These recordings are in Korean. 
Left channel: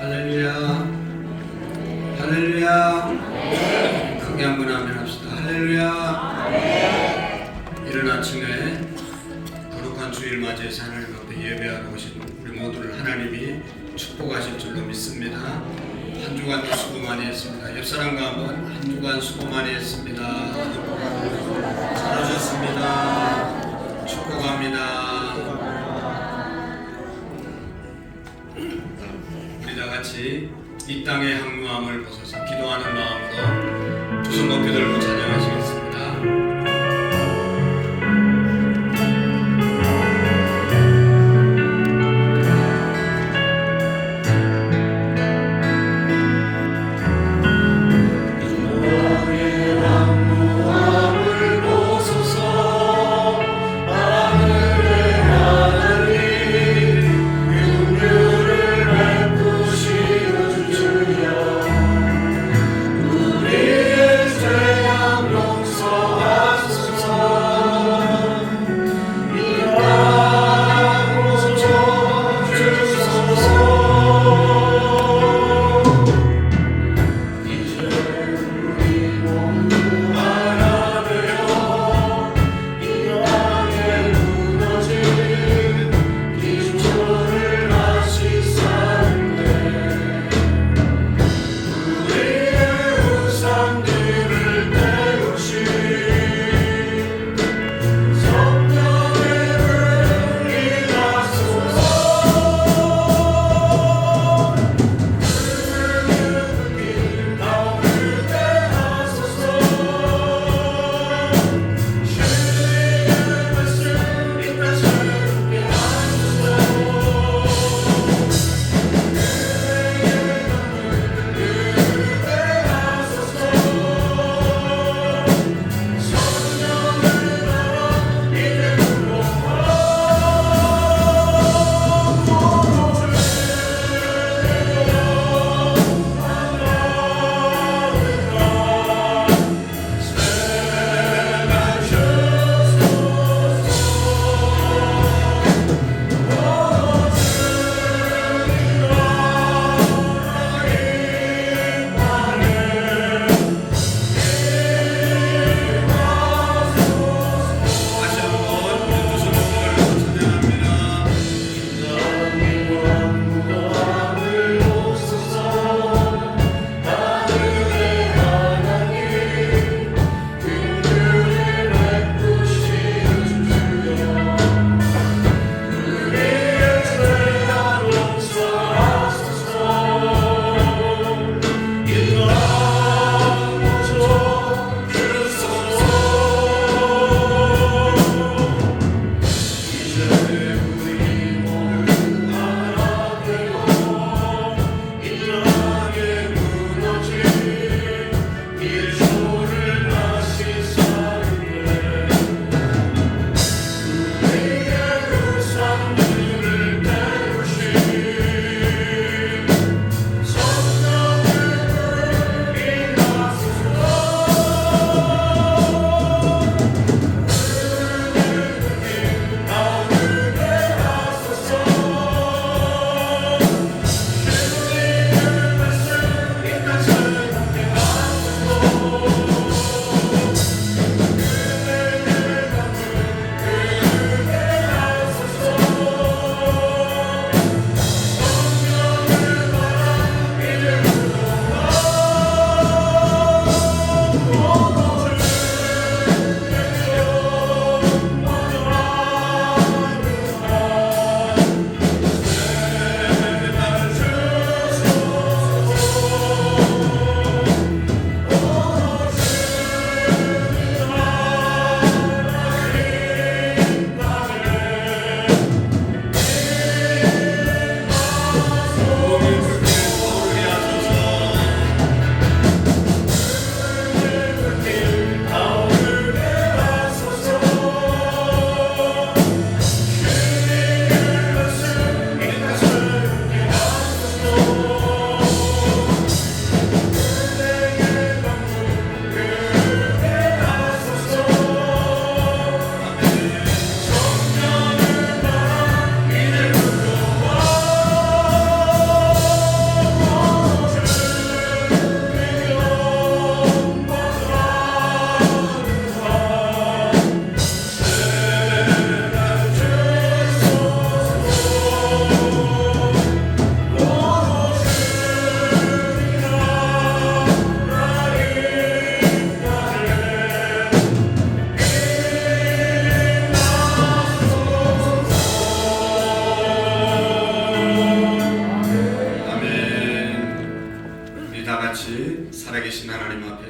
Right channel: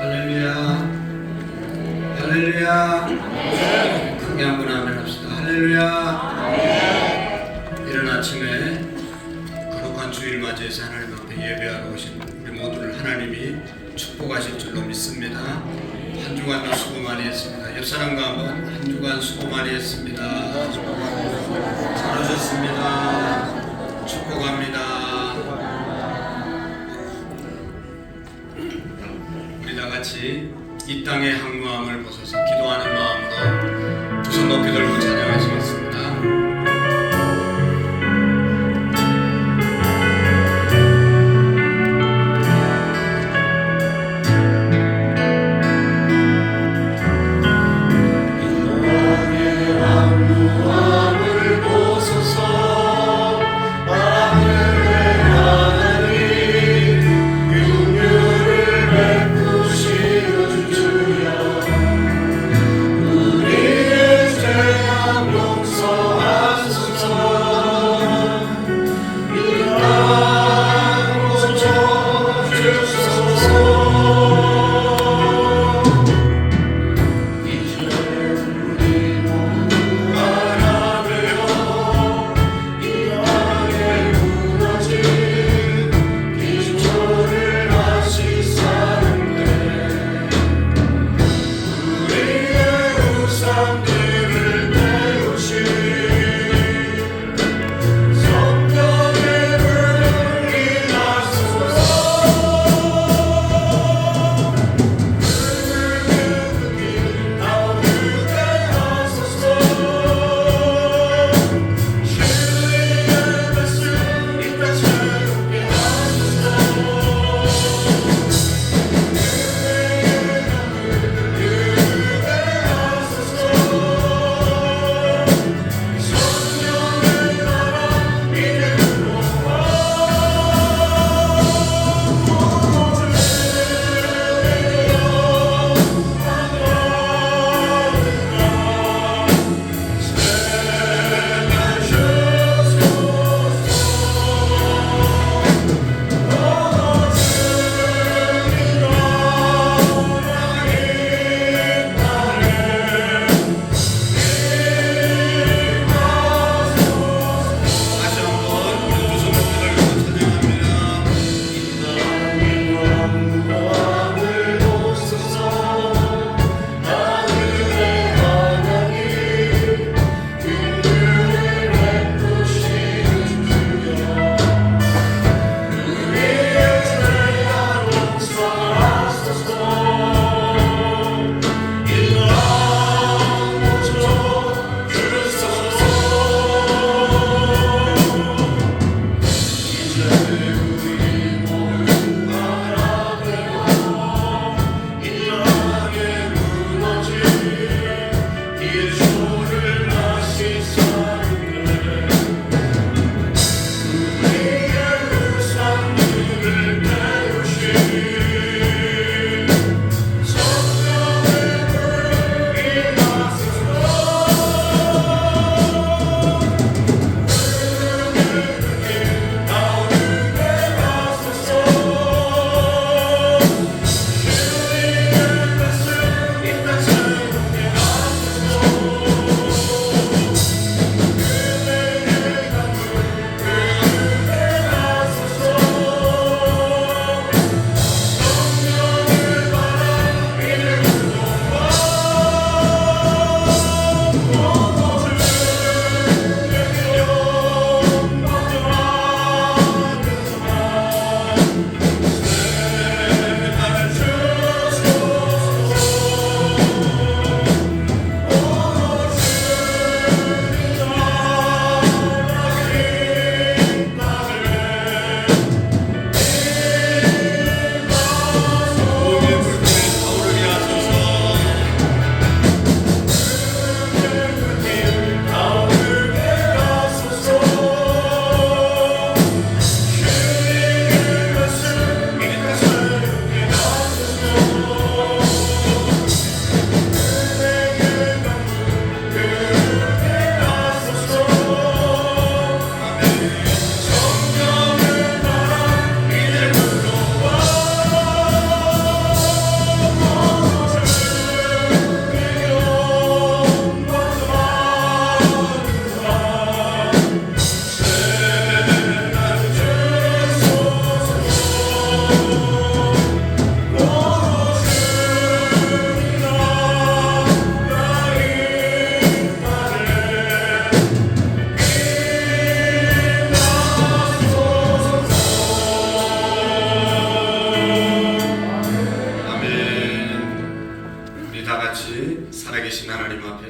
할렐루야. 할렐루야. 크게 한번 아멘 합시다. 할렐루야. 이른 아침에 거룩한 주일 맞이해서 하나님 앞에 예배하러 오신 우리 모두를 하나님이 축복하실 줄로 믿습니다. 한 주간도 수고 많이 했습니다. 옆 사람과 한번 한 주간 수고 많이 했습니다. 잘 오셨습니다. 축복합니다. 우리 다 같이 이 땅의 항무함을 벗어서 기도하는 마음으로 두 손 높이 들고 찬양하시겠습니다. 용서하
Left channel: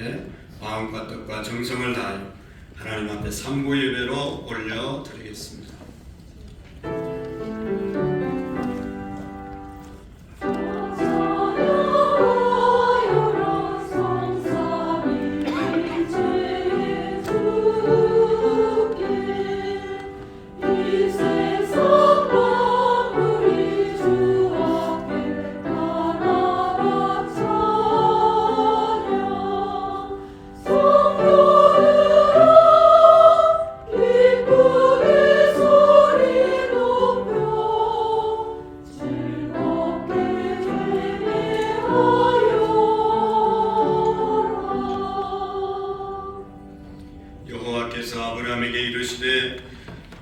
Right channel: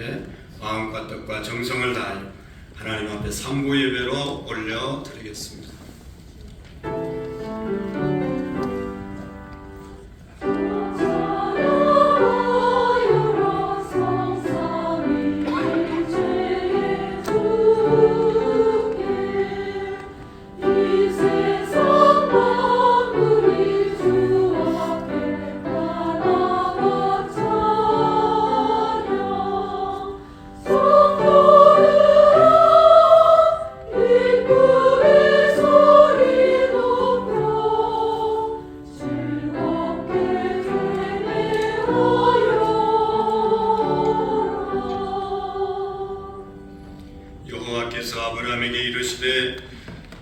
위하여 마음과 뜻과 정성을 다하여 하나님 앞에 삼부 예배로 올려드리겠습니다. 여호와께서 아브라함에게 이르시되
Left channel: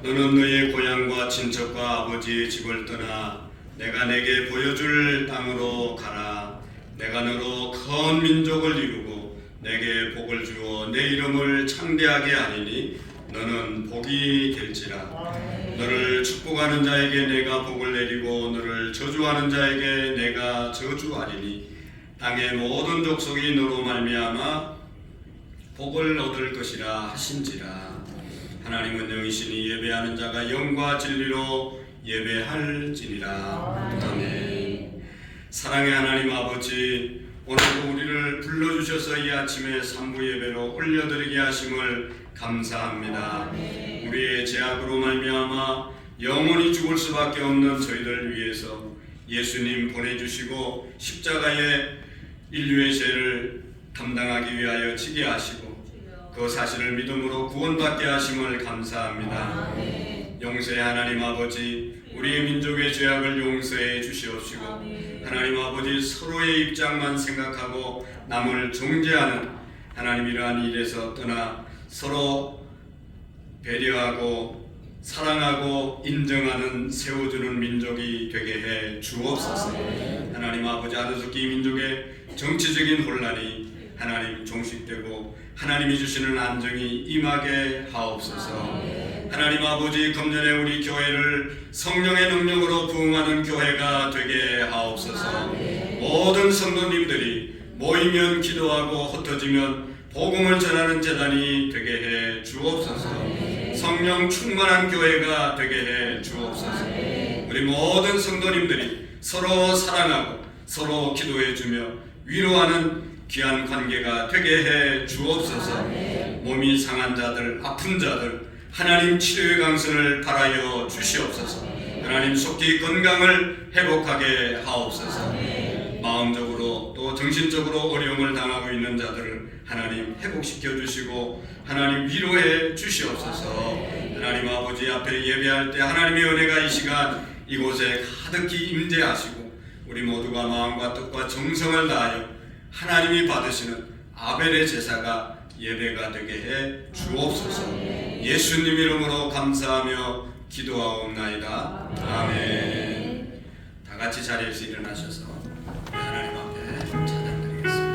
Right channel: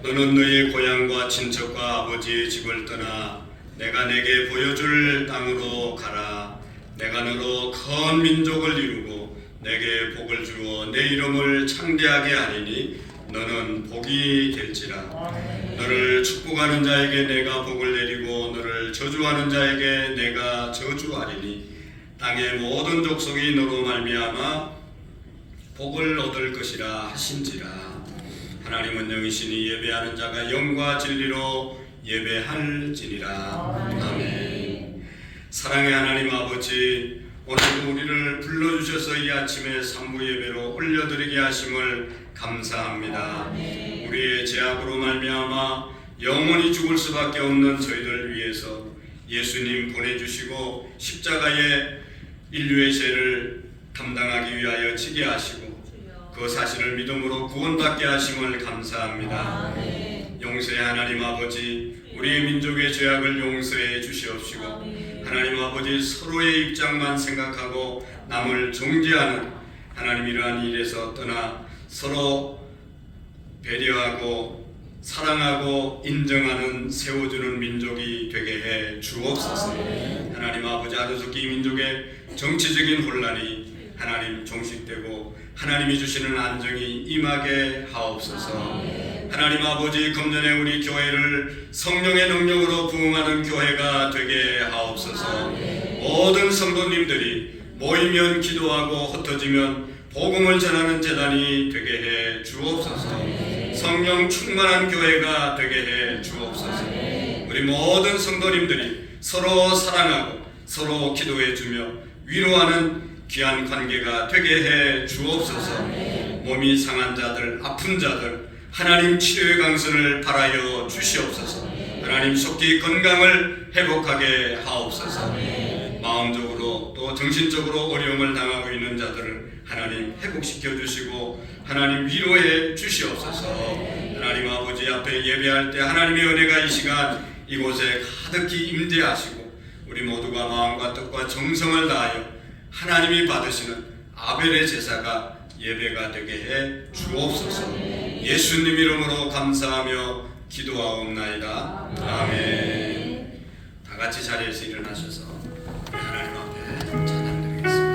너는 너의 고향과 친척과 아버지의 집을 떠나 내가 내게 보여줄 땅으로 가라. 내가 너로 큰 민족을 이루고 내게 복을 주어 내 이름을 창대하게 하리니 너는 복이 될지라. 너를 축복하는 자에게 내가 복을 내리고 너를 저주하는 자에게 내가 저주하리니 땅의 모든 족속이 너로 말미암아 복을 얻을 것이라 하신지라. 하나님은 영이시니 예배하는 자가 영과 진리로 예배할지니라. 아멘. 사랑의 하나님 아버지, 오늘도 우리를 불러주셔서 이 아침에 삼부 예배로 올려드리게 하심을 감사합니다. 우리의 죄악으로 말미암아 영원히 죽을 수밖에 없는 저희를 위해서 예수님 보내주시고 십자가에 인류의 죄를 감당하기 위하여 지게 하시고 그 사실을 믿음으로 구원받게 하심을 감사합니다. 용서의 하나님 아버지, 우리의 민족의 죄악을 용서해 주시옵시고 하나님 아버지, 서로의 입장만 생각하고 남을 정죄하는 하나님 이러한 일에서 떠나 서로 배려하고 사랑하고 인정하는 세워주는 민족이 되게 해 주옵소서. 하나님 아버지, 하도토끼 민족의 정치적인 혼란이 하나님 종식되고 하나님이 주시는 안정이 임하게 하옵소서. 하나님 아버지, 금년에 우리 교회를 성령의 능력으로 부흥하는 교회가 되게 하옵소서. 모든 성도님들이 모이면 기도하고 흩어지면 복음을 전하는 재단이 되게 해 주옵소서. 성령 충만한 교회가 되게 해 주옵소서. 우리 모든 성도님들이 서로 사랑하고 서로 기도해 주며 위로하는 귀한 관계가 되게 해 주옵소서. 몸이 상한 자들, 아픈 자들 하나님 치료의 강선을 바라여 주시옵소서. 하나님 속히 건강을 회복하게 하옵소서. 마음적으로 또 정신적으로 어려움을 당하고 있는 자들을 하나님 회복시켜 주시고 하나님 위로해 주시옵소서. 하나님 아버지 앞에 예배할 때 하나님의 은혜가 이 시간 이곳에 가득히 임재하시고 우리 모두가 마음과 뜻과 정성을 다하여 하나님이 받으시는 아벨의 제사가 예배가 되게 해 주옵소서. 예수님 이름으로 감사하며 기도하옵나이다. 아멘. 다 같이 자리에서 일어나셔서 하나님 앞에 찬양드리겠습니다.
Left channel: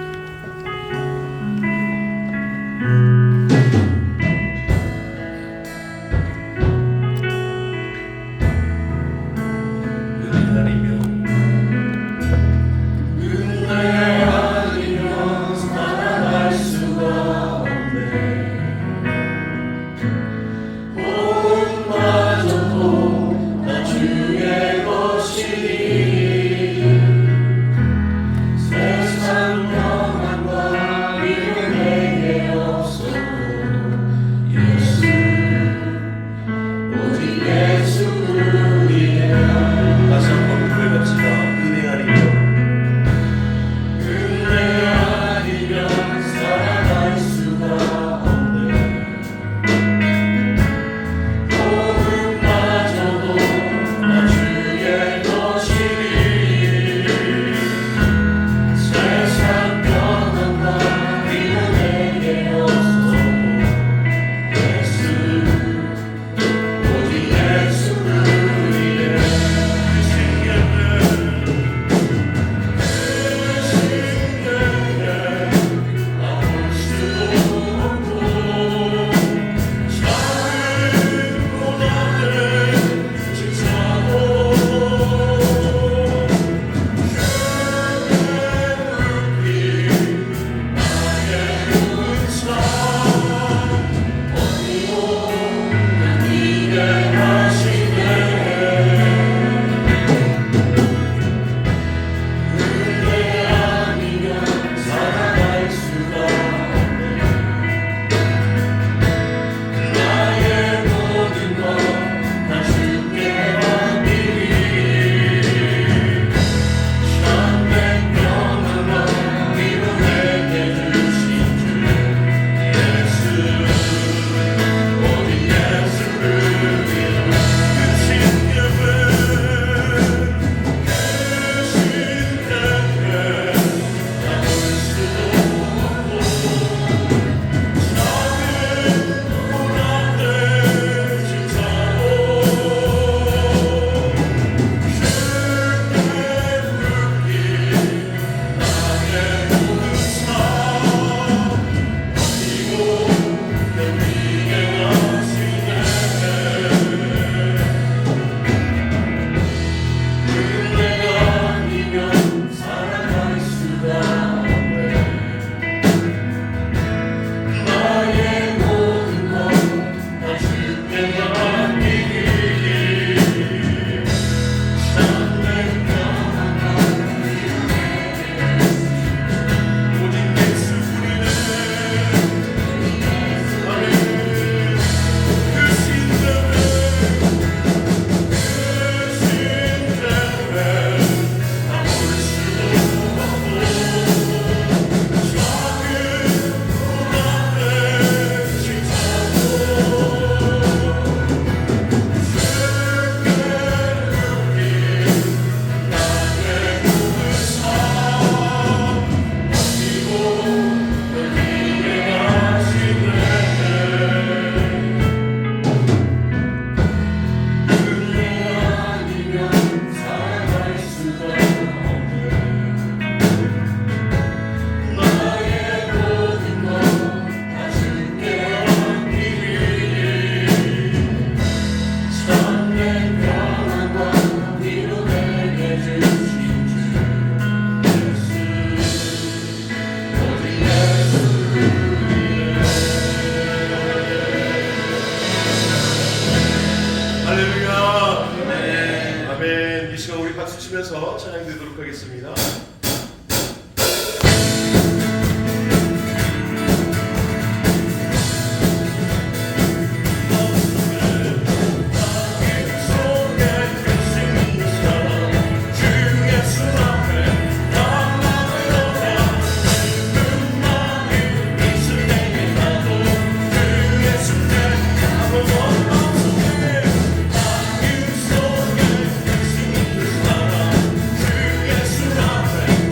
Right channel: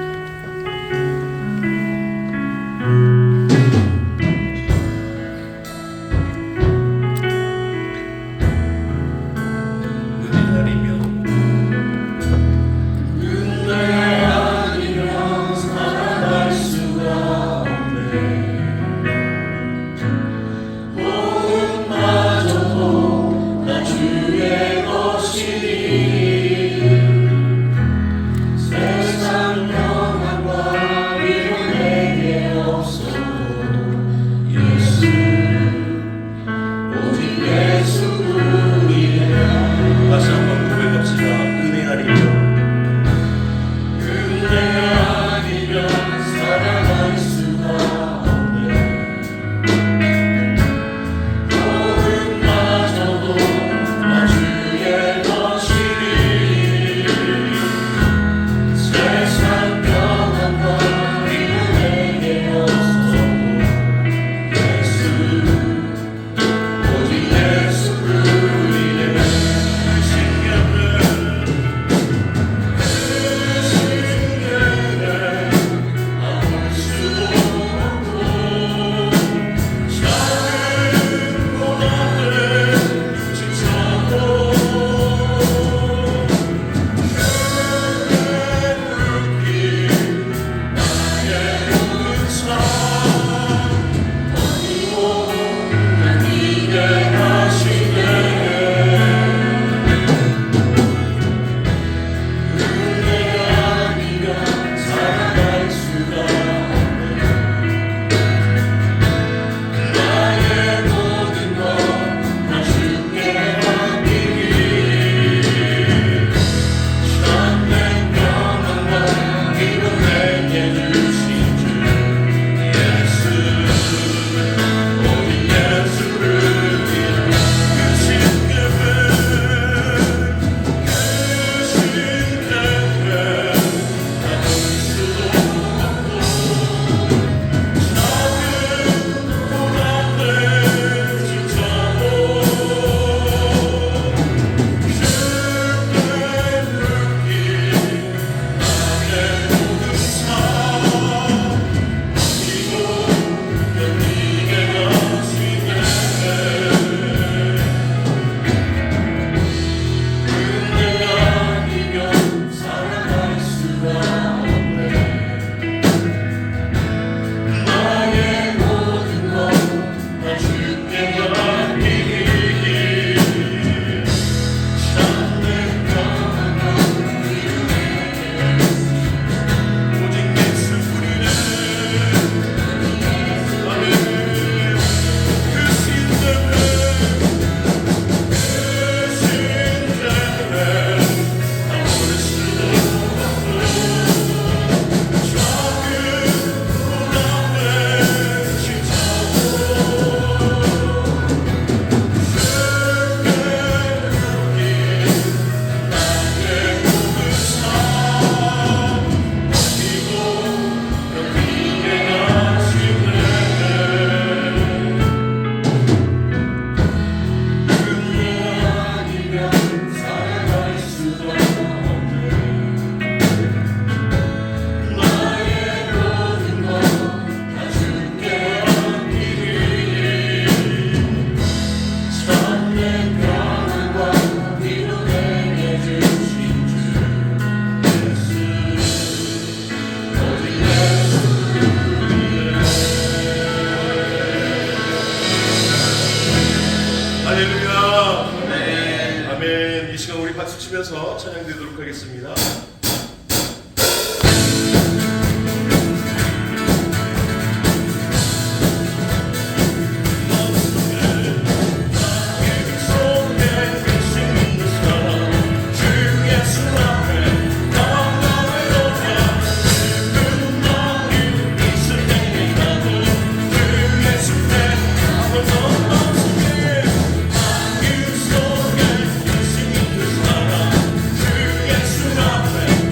찬양되도록 하겠습니다. 주 예수 앞에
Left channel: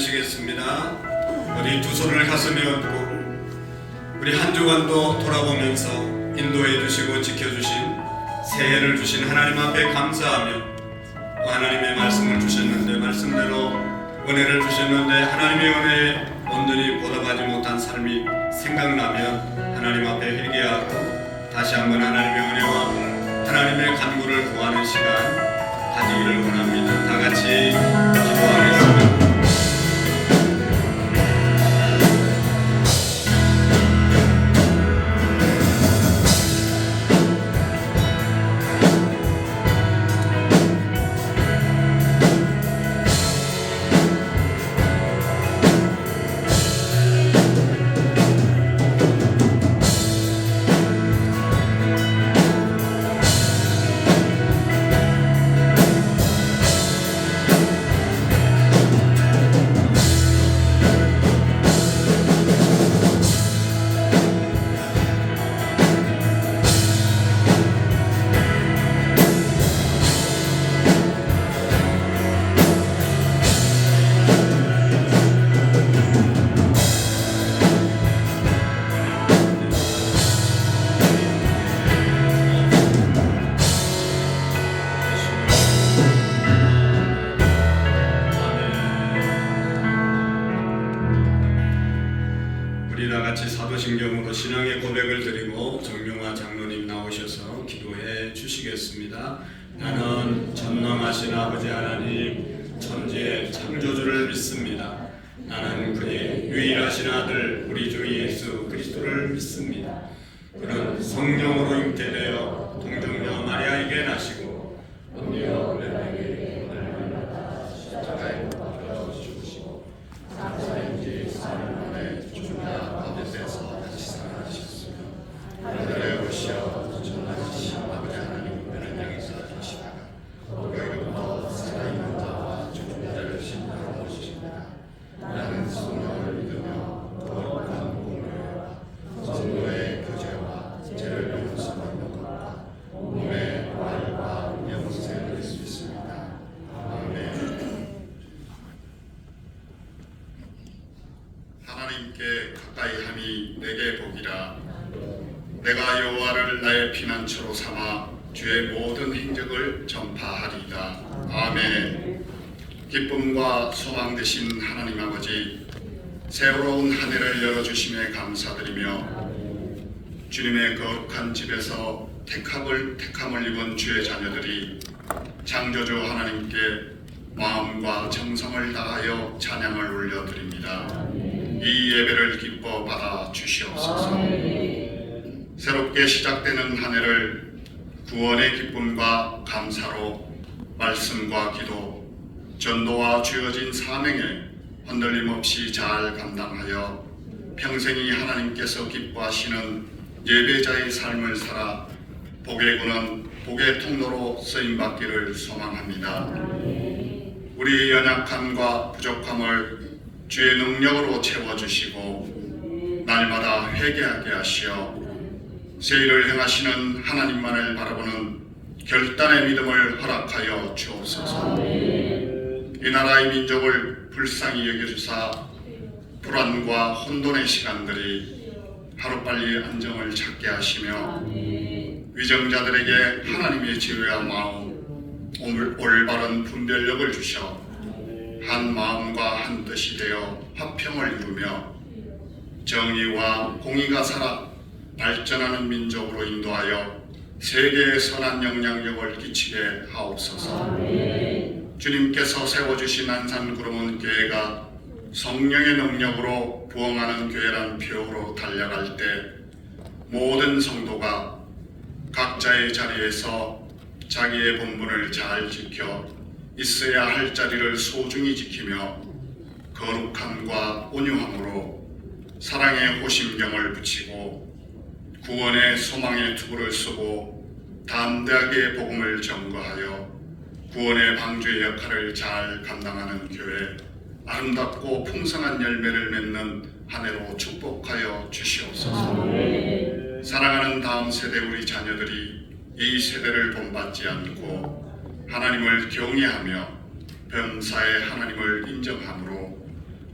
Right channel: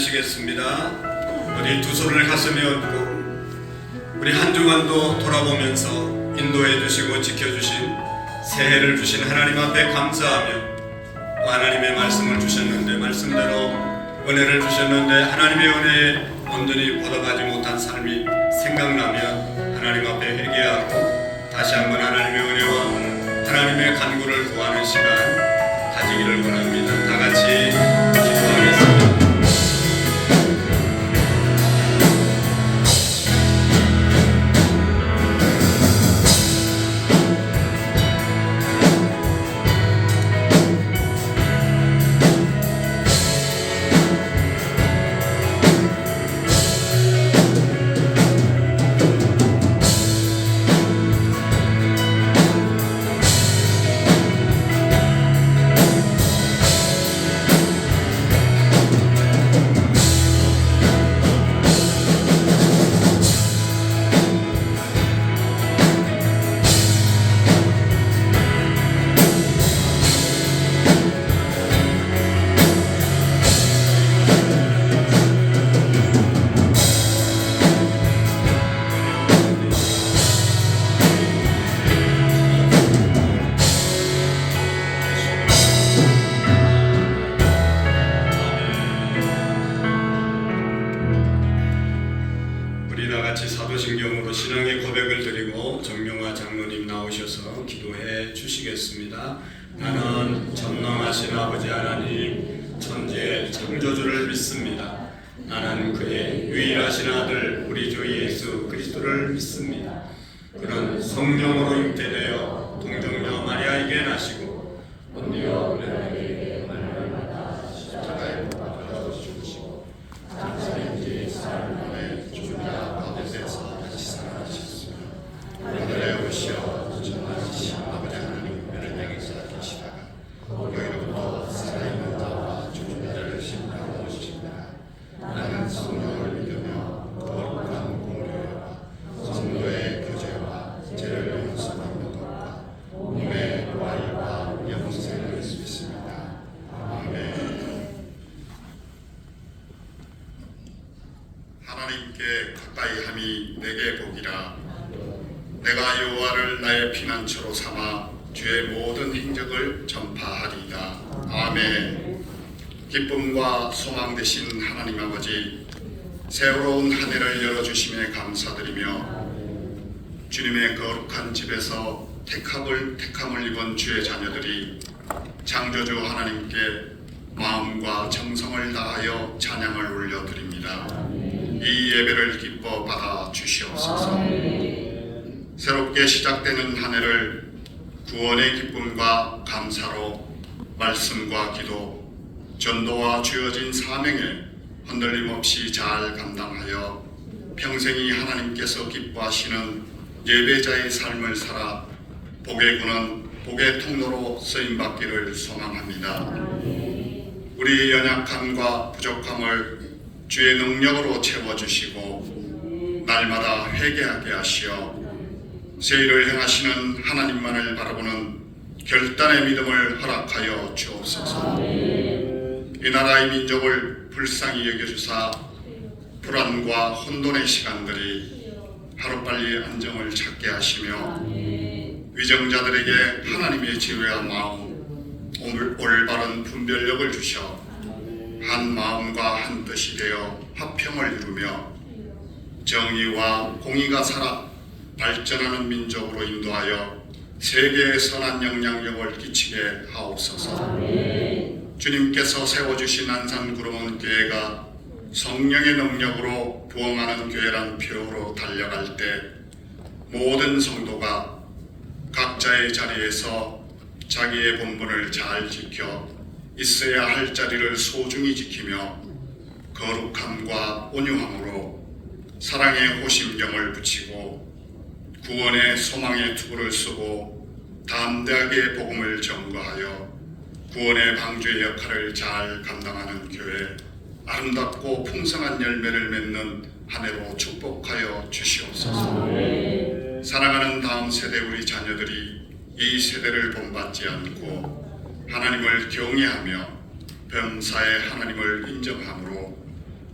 나누시겠습니다. 우리 두 손을 가슴에 얹고 우리 한 주간도 돌아보면서 인도해 주시고 지켜주신 새해를 주신 하나님 앞에 감사하며 또 하나님의 말씀을 주셨는데 말씀대로 은혜를 주셨는데 하나님의 은혜에 온전히 보답하지 못한 삶이 생각나면 하나님 앞에 회개하고 다시 한번 하나님의 은혜와 하나님의 간구를 구하는 시간 가지기를 원합니다. 다 같이 기도하겠습니다. 사도신경으로 신앙의 고백을 드리고 정명화 장로님 나오셔서 기도해 주시겠습니다. 나는 전능하신 아버지 하나님 천지의 창조주를 믿습니다. 나는 그의 유일하신 아들 우리 주 예수 그리스도를 믿습니다. 그는 성령으로 잉태되어 동정녀 마리아에게 나시고 본디오 빌라에게 날마다 십자가에 못 박혀 죽으시고 장사인 뒤 사흘 만에 죽은 자 가운데서 다시 살아나셨으며 하늘에 오시어 전능하신 아버지 하나님 왼편에서 계시다가 오늘부터 살아있는 자와 죽은 자를 심판하러 오시니라. 나는 성령을 믿으며 거룩한 공교회와 성도의 교제와 죄를 용서받는 것과 몸의 부활과 영생을 믿습니다. 아멘. 하나님께 가까이 함이 내게 복이라. 내가 여호와를 나의 피난처로 삼아 주의 모든 행적을 전파하리이다. 아멘. 기쁨과 소망 되신 하나님 아버지, 새로운 한 해를 열어주심에 감사드리며 주님의 거룩한 집에서 택함을 입은 주의 자녀들이 창조주 하나님께 마음과 정성을 다하여 찬양을 올려드립니다. 이 예배를 기뻐 받아 주시옵소서. 새롭게 시작되는 한 해를 구원의 기쁨과 감사로 말씀과 기도, 전도와 주어진 사명에 흔들림 없이 잘 감당하여 평생이 하나님께서 기뻐하시는 예배자의 삶을 살아 복의 구는 복의 통로로 쓰임받기를 소망합니다. 우리의 연약함과 부족함을 주의 능력으로 채워주시고 날마다 회개하게 하시어 세일을 행하시는 하나님만을 바라보는 결단의 믿음을 허락하여 주옵소서. 이 나라의 민족을 불쌍히 여겨주사 불안과 혼돈의 시간들이 하루빨리 안정을 찾게 하시며 위정자들에게 하나님의 지혜와 마음, 올바른 분별력을 주셔 한 마음과 한 뜻이 되어 화평을 이루며 정의와 공의가 살아 발전하는 민족으로 인도하여 세계에 선한 영향력을 끼치게 하옵소서. 주님께서 세워주신 안산구름원 교회가 성령의 능력으로 부흥하는 교회란 표어로 달려갈 때 모든 성도가 각자의 자리에서 자기의 본분을 잘 지켜 있어야 할 자리를 소중히 지키며 거룩함과 온유함으로 사랑의 호심경을 붙이고 구원의 소망의 투구를 쓰고 담대하게 복음을 전거하여 구원의 방주의 역할을 잘 감당하는 교회, 아름답고 풍성한 열매를 맺는 한 해로 축복하여 주시옵소서. 사랑하는 다음 세대 우리 자녀들이 이 세대를 본받지 않고 하나님을 경외하며 범사에 하나님을 인정함으로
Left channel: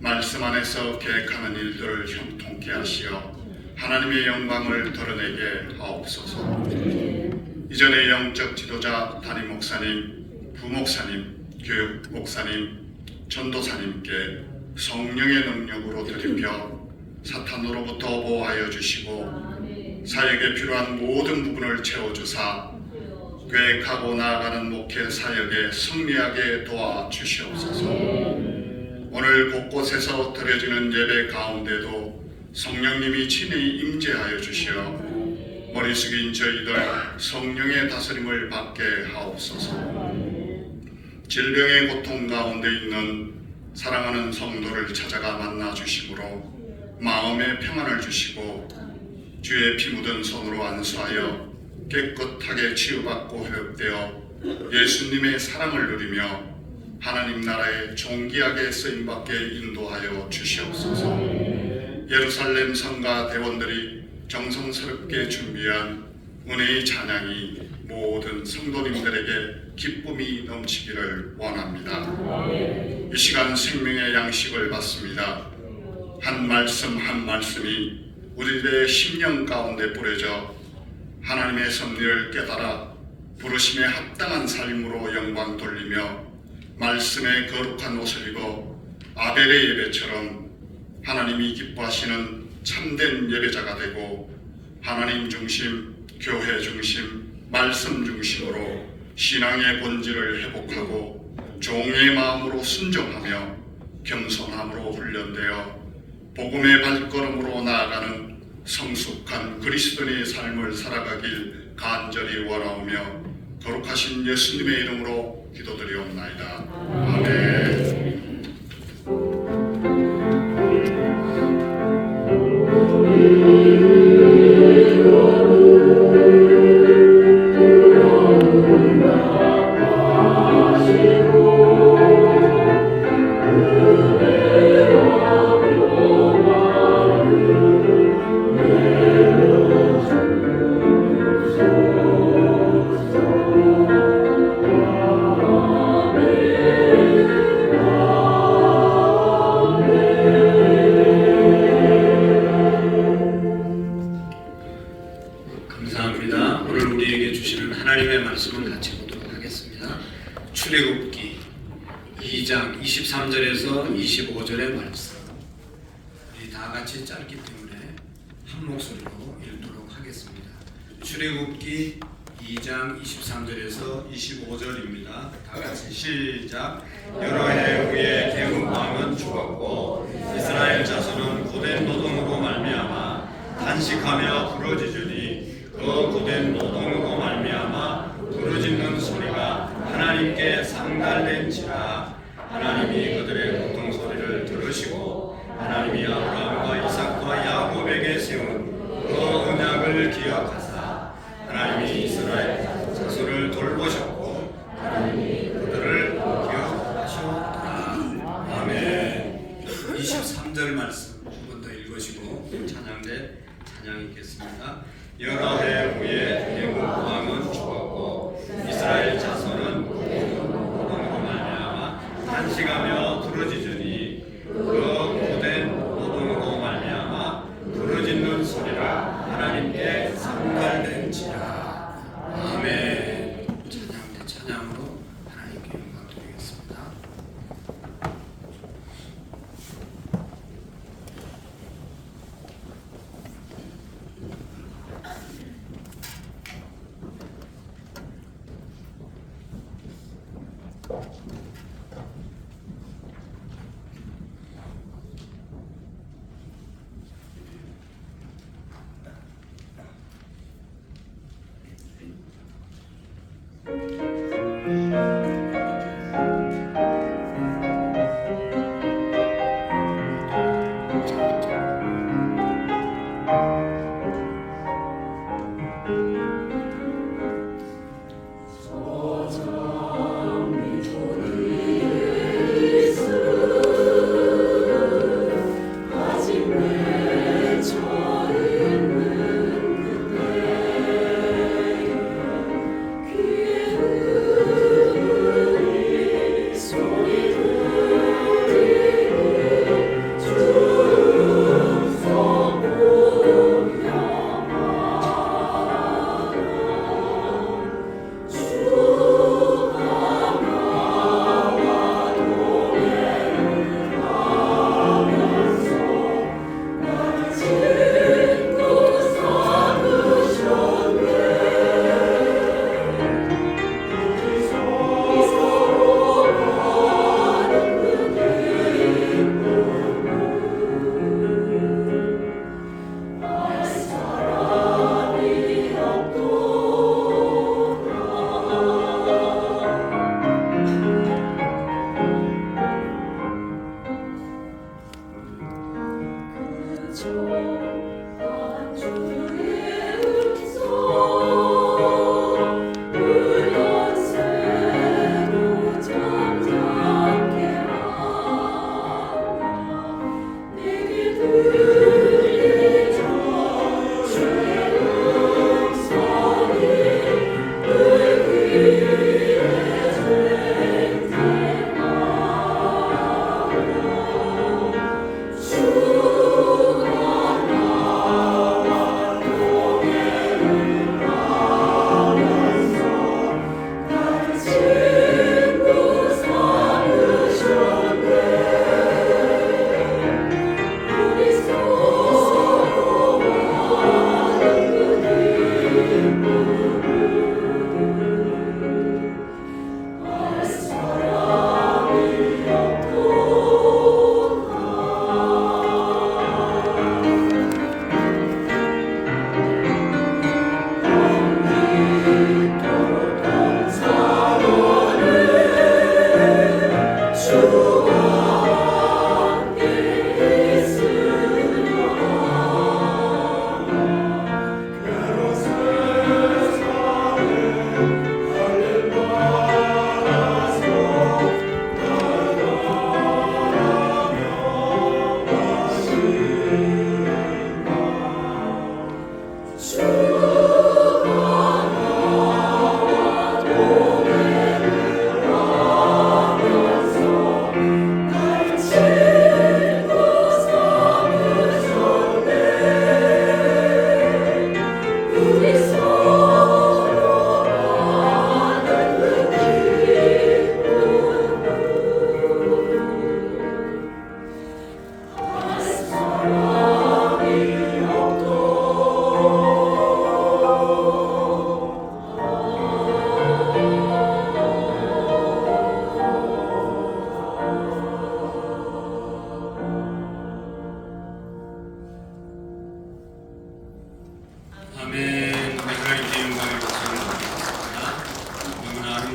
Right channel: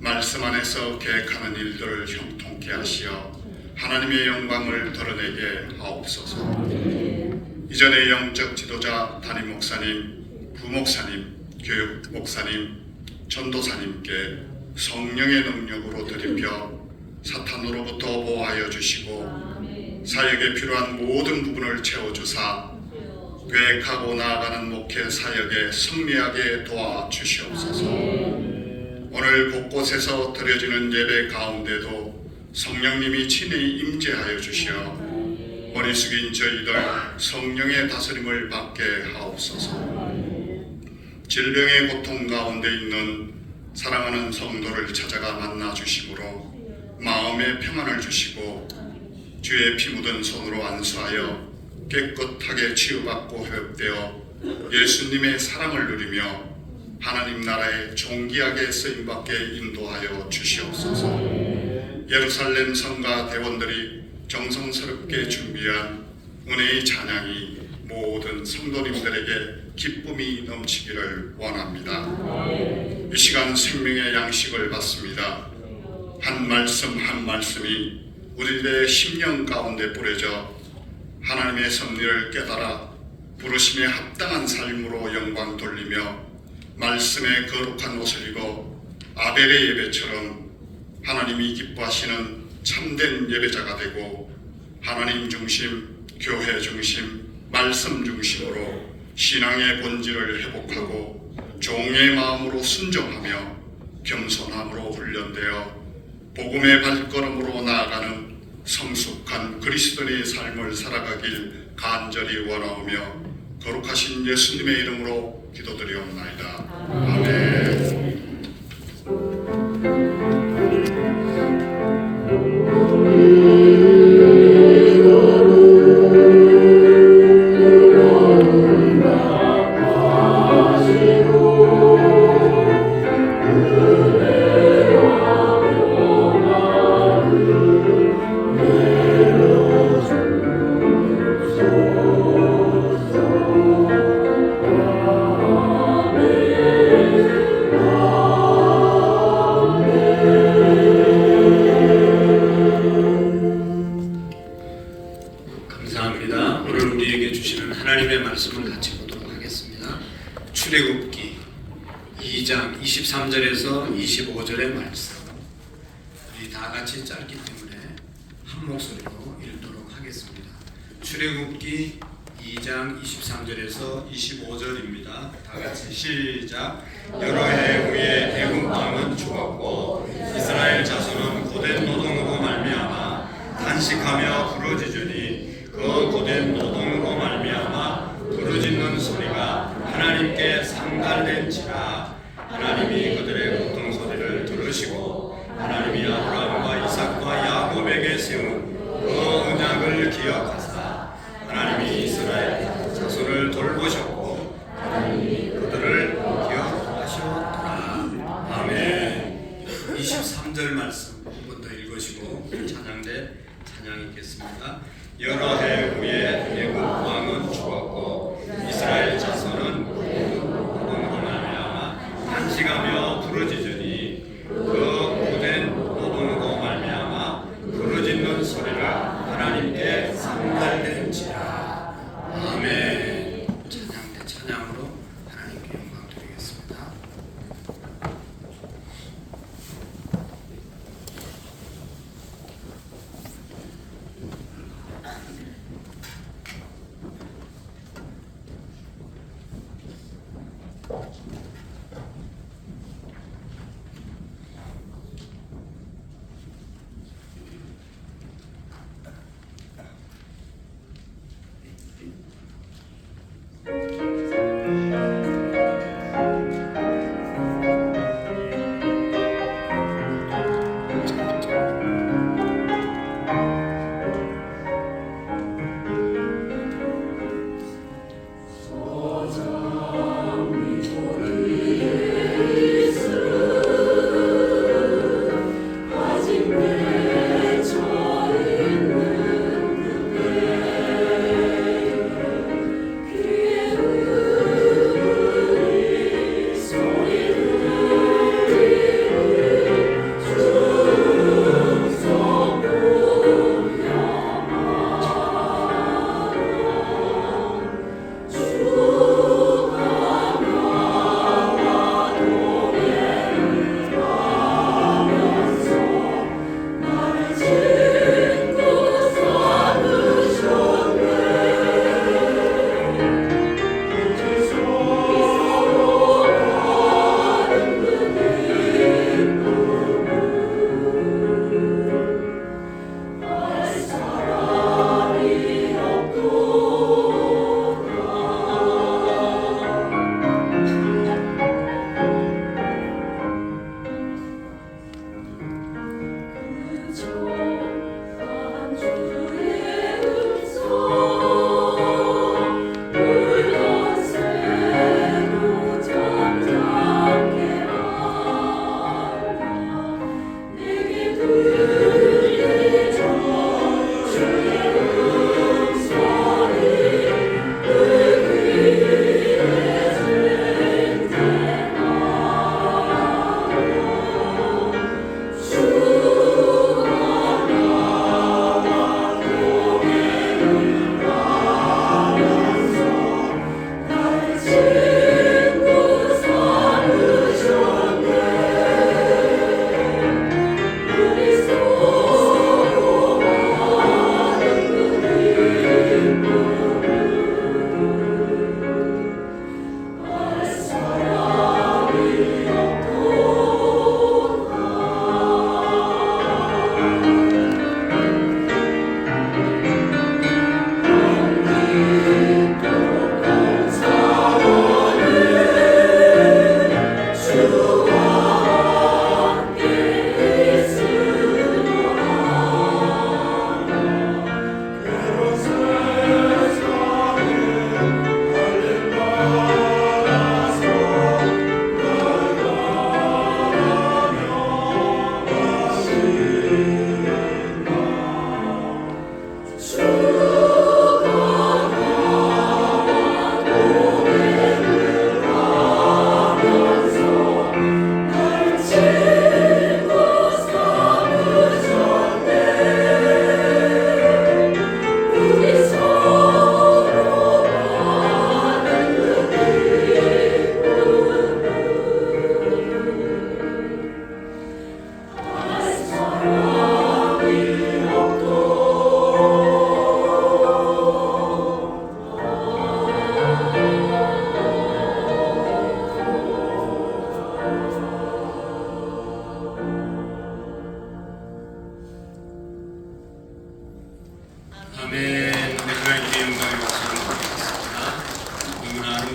말씀 안에서 계획하는 일들을 형통케 하시어 하나님의 영광을 드러내게 하옵소서. 이전에 영적 지도자 담임 목사님, 부목사님, 교육 목사님, 전도사님께 성령의 능력으로 들이켜 사탄으로부터 보호하여 주시고 사역에 필요한 모든 부분을 채워주사 계획하고 나아가는 목회 사역에 승리하게 도와주시옵소서. 오늘 곳곳에서 드려지는 예배 가운데도 성령님이 친히 임재하여 주시어 머리 숙인 저희들 성령의 다스림을 받게 하옵소서. 질병의 고통 가운데 있는 사랑하는 성도를 찾아가 만나 주심으로 마음의 평안을 주시고 주의 피 묻은 손으로 안수하여 깨끗하게 치유받고 회복되어 예수님의 사랑을 누리며 하나님 나라에 존귀하게 쓰임받게 인도하여 주시옵소서. 예루살렘 성가 대원들이 정성스럽게 준비한 은혜의 찬양이 모든 성도님들에게 기쁨이 넘치기를 원합니다. 이 시간 생명의 양식을 받습니다. 한 말씀 한 말씀이 우리들의 심령 가운데 뿌려져 하나님의 섭리를 깨달아 부르심에 합당한 삶으로 영광 돌리며 말씀의 거룩한 옷을 입어 아벨의 예배처럼 하나님이 기뻐하시는 참된 예배자가 되고 하나님 중심, 교회 중심, 말씀 중심으로 신앙의 본질을 회복하고 종의 마음으로 순종하며 겸손함으로 훈련되어 복음의 발걸음으로 나아가는 성숙한 그리스도인의 삶을 살아가길 간절히 원하오며 거룩하신 예수님의 이름으로 기도드리옵나이다. 아멘. 감사합니다. 오늘 우리에게 주시는 하나님의 말씀을 같이 보도록 하겠습니다. 출애굽기 2장 23절에서 25절의 말씀. 우리 다 같이 짧기 때문에 한 목소리로 읽도록 하겠습니다. 출애굽기 2장 23절에서 25절입니다. 다 같이 시작. 여러 해 후에 애굽 왕은 죽었고 이스라엘 자손은 고된 노동으로 말미암아 단식하며 부르짖으니 그 고된 노동으로 말미암아 부르짖는 소리가 하나님께 상달된지라. 하나님이 그들의 고통 소리를 들으시고 하나님이 아브라함과 이삭과 야곱에게 세운 그 언약을 기억하사 하나님이 이스라엘 자손을 돌보셨고 하나님이 그들을 기억하셨더라. 아멘. 23절 말씀 한 번 더 읽으시고 찬양대 찬양 읽겠습니다. 여러 해 후에 애굽 왕은 죽었고 이스라엘 자손은 고된 노동으로 말미암아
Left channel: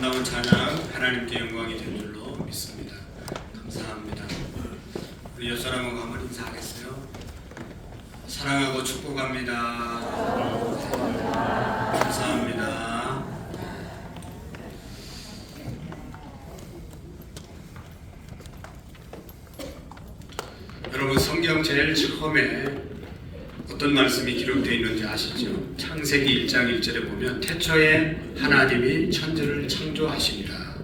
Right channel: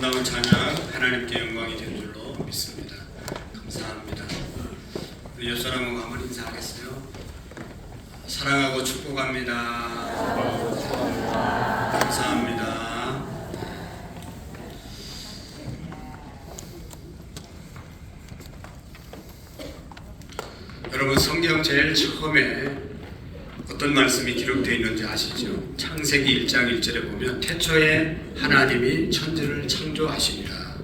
아름다운 찬양 하나님께 영광이 된 줄로 믿습니다. 감사합니다. 우리 옆 사람하고 한번 인사하겠어요. 사랑하고 축복합니다. 감사합니다. 여러분, 성경 제일 처음에 어떤 말씀이 기록되어 있는지 아시죠? 창세기 1장 1절에 보면 태초에 하나님이 천지를 창조하십니다.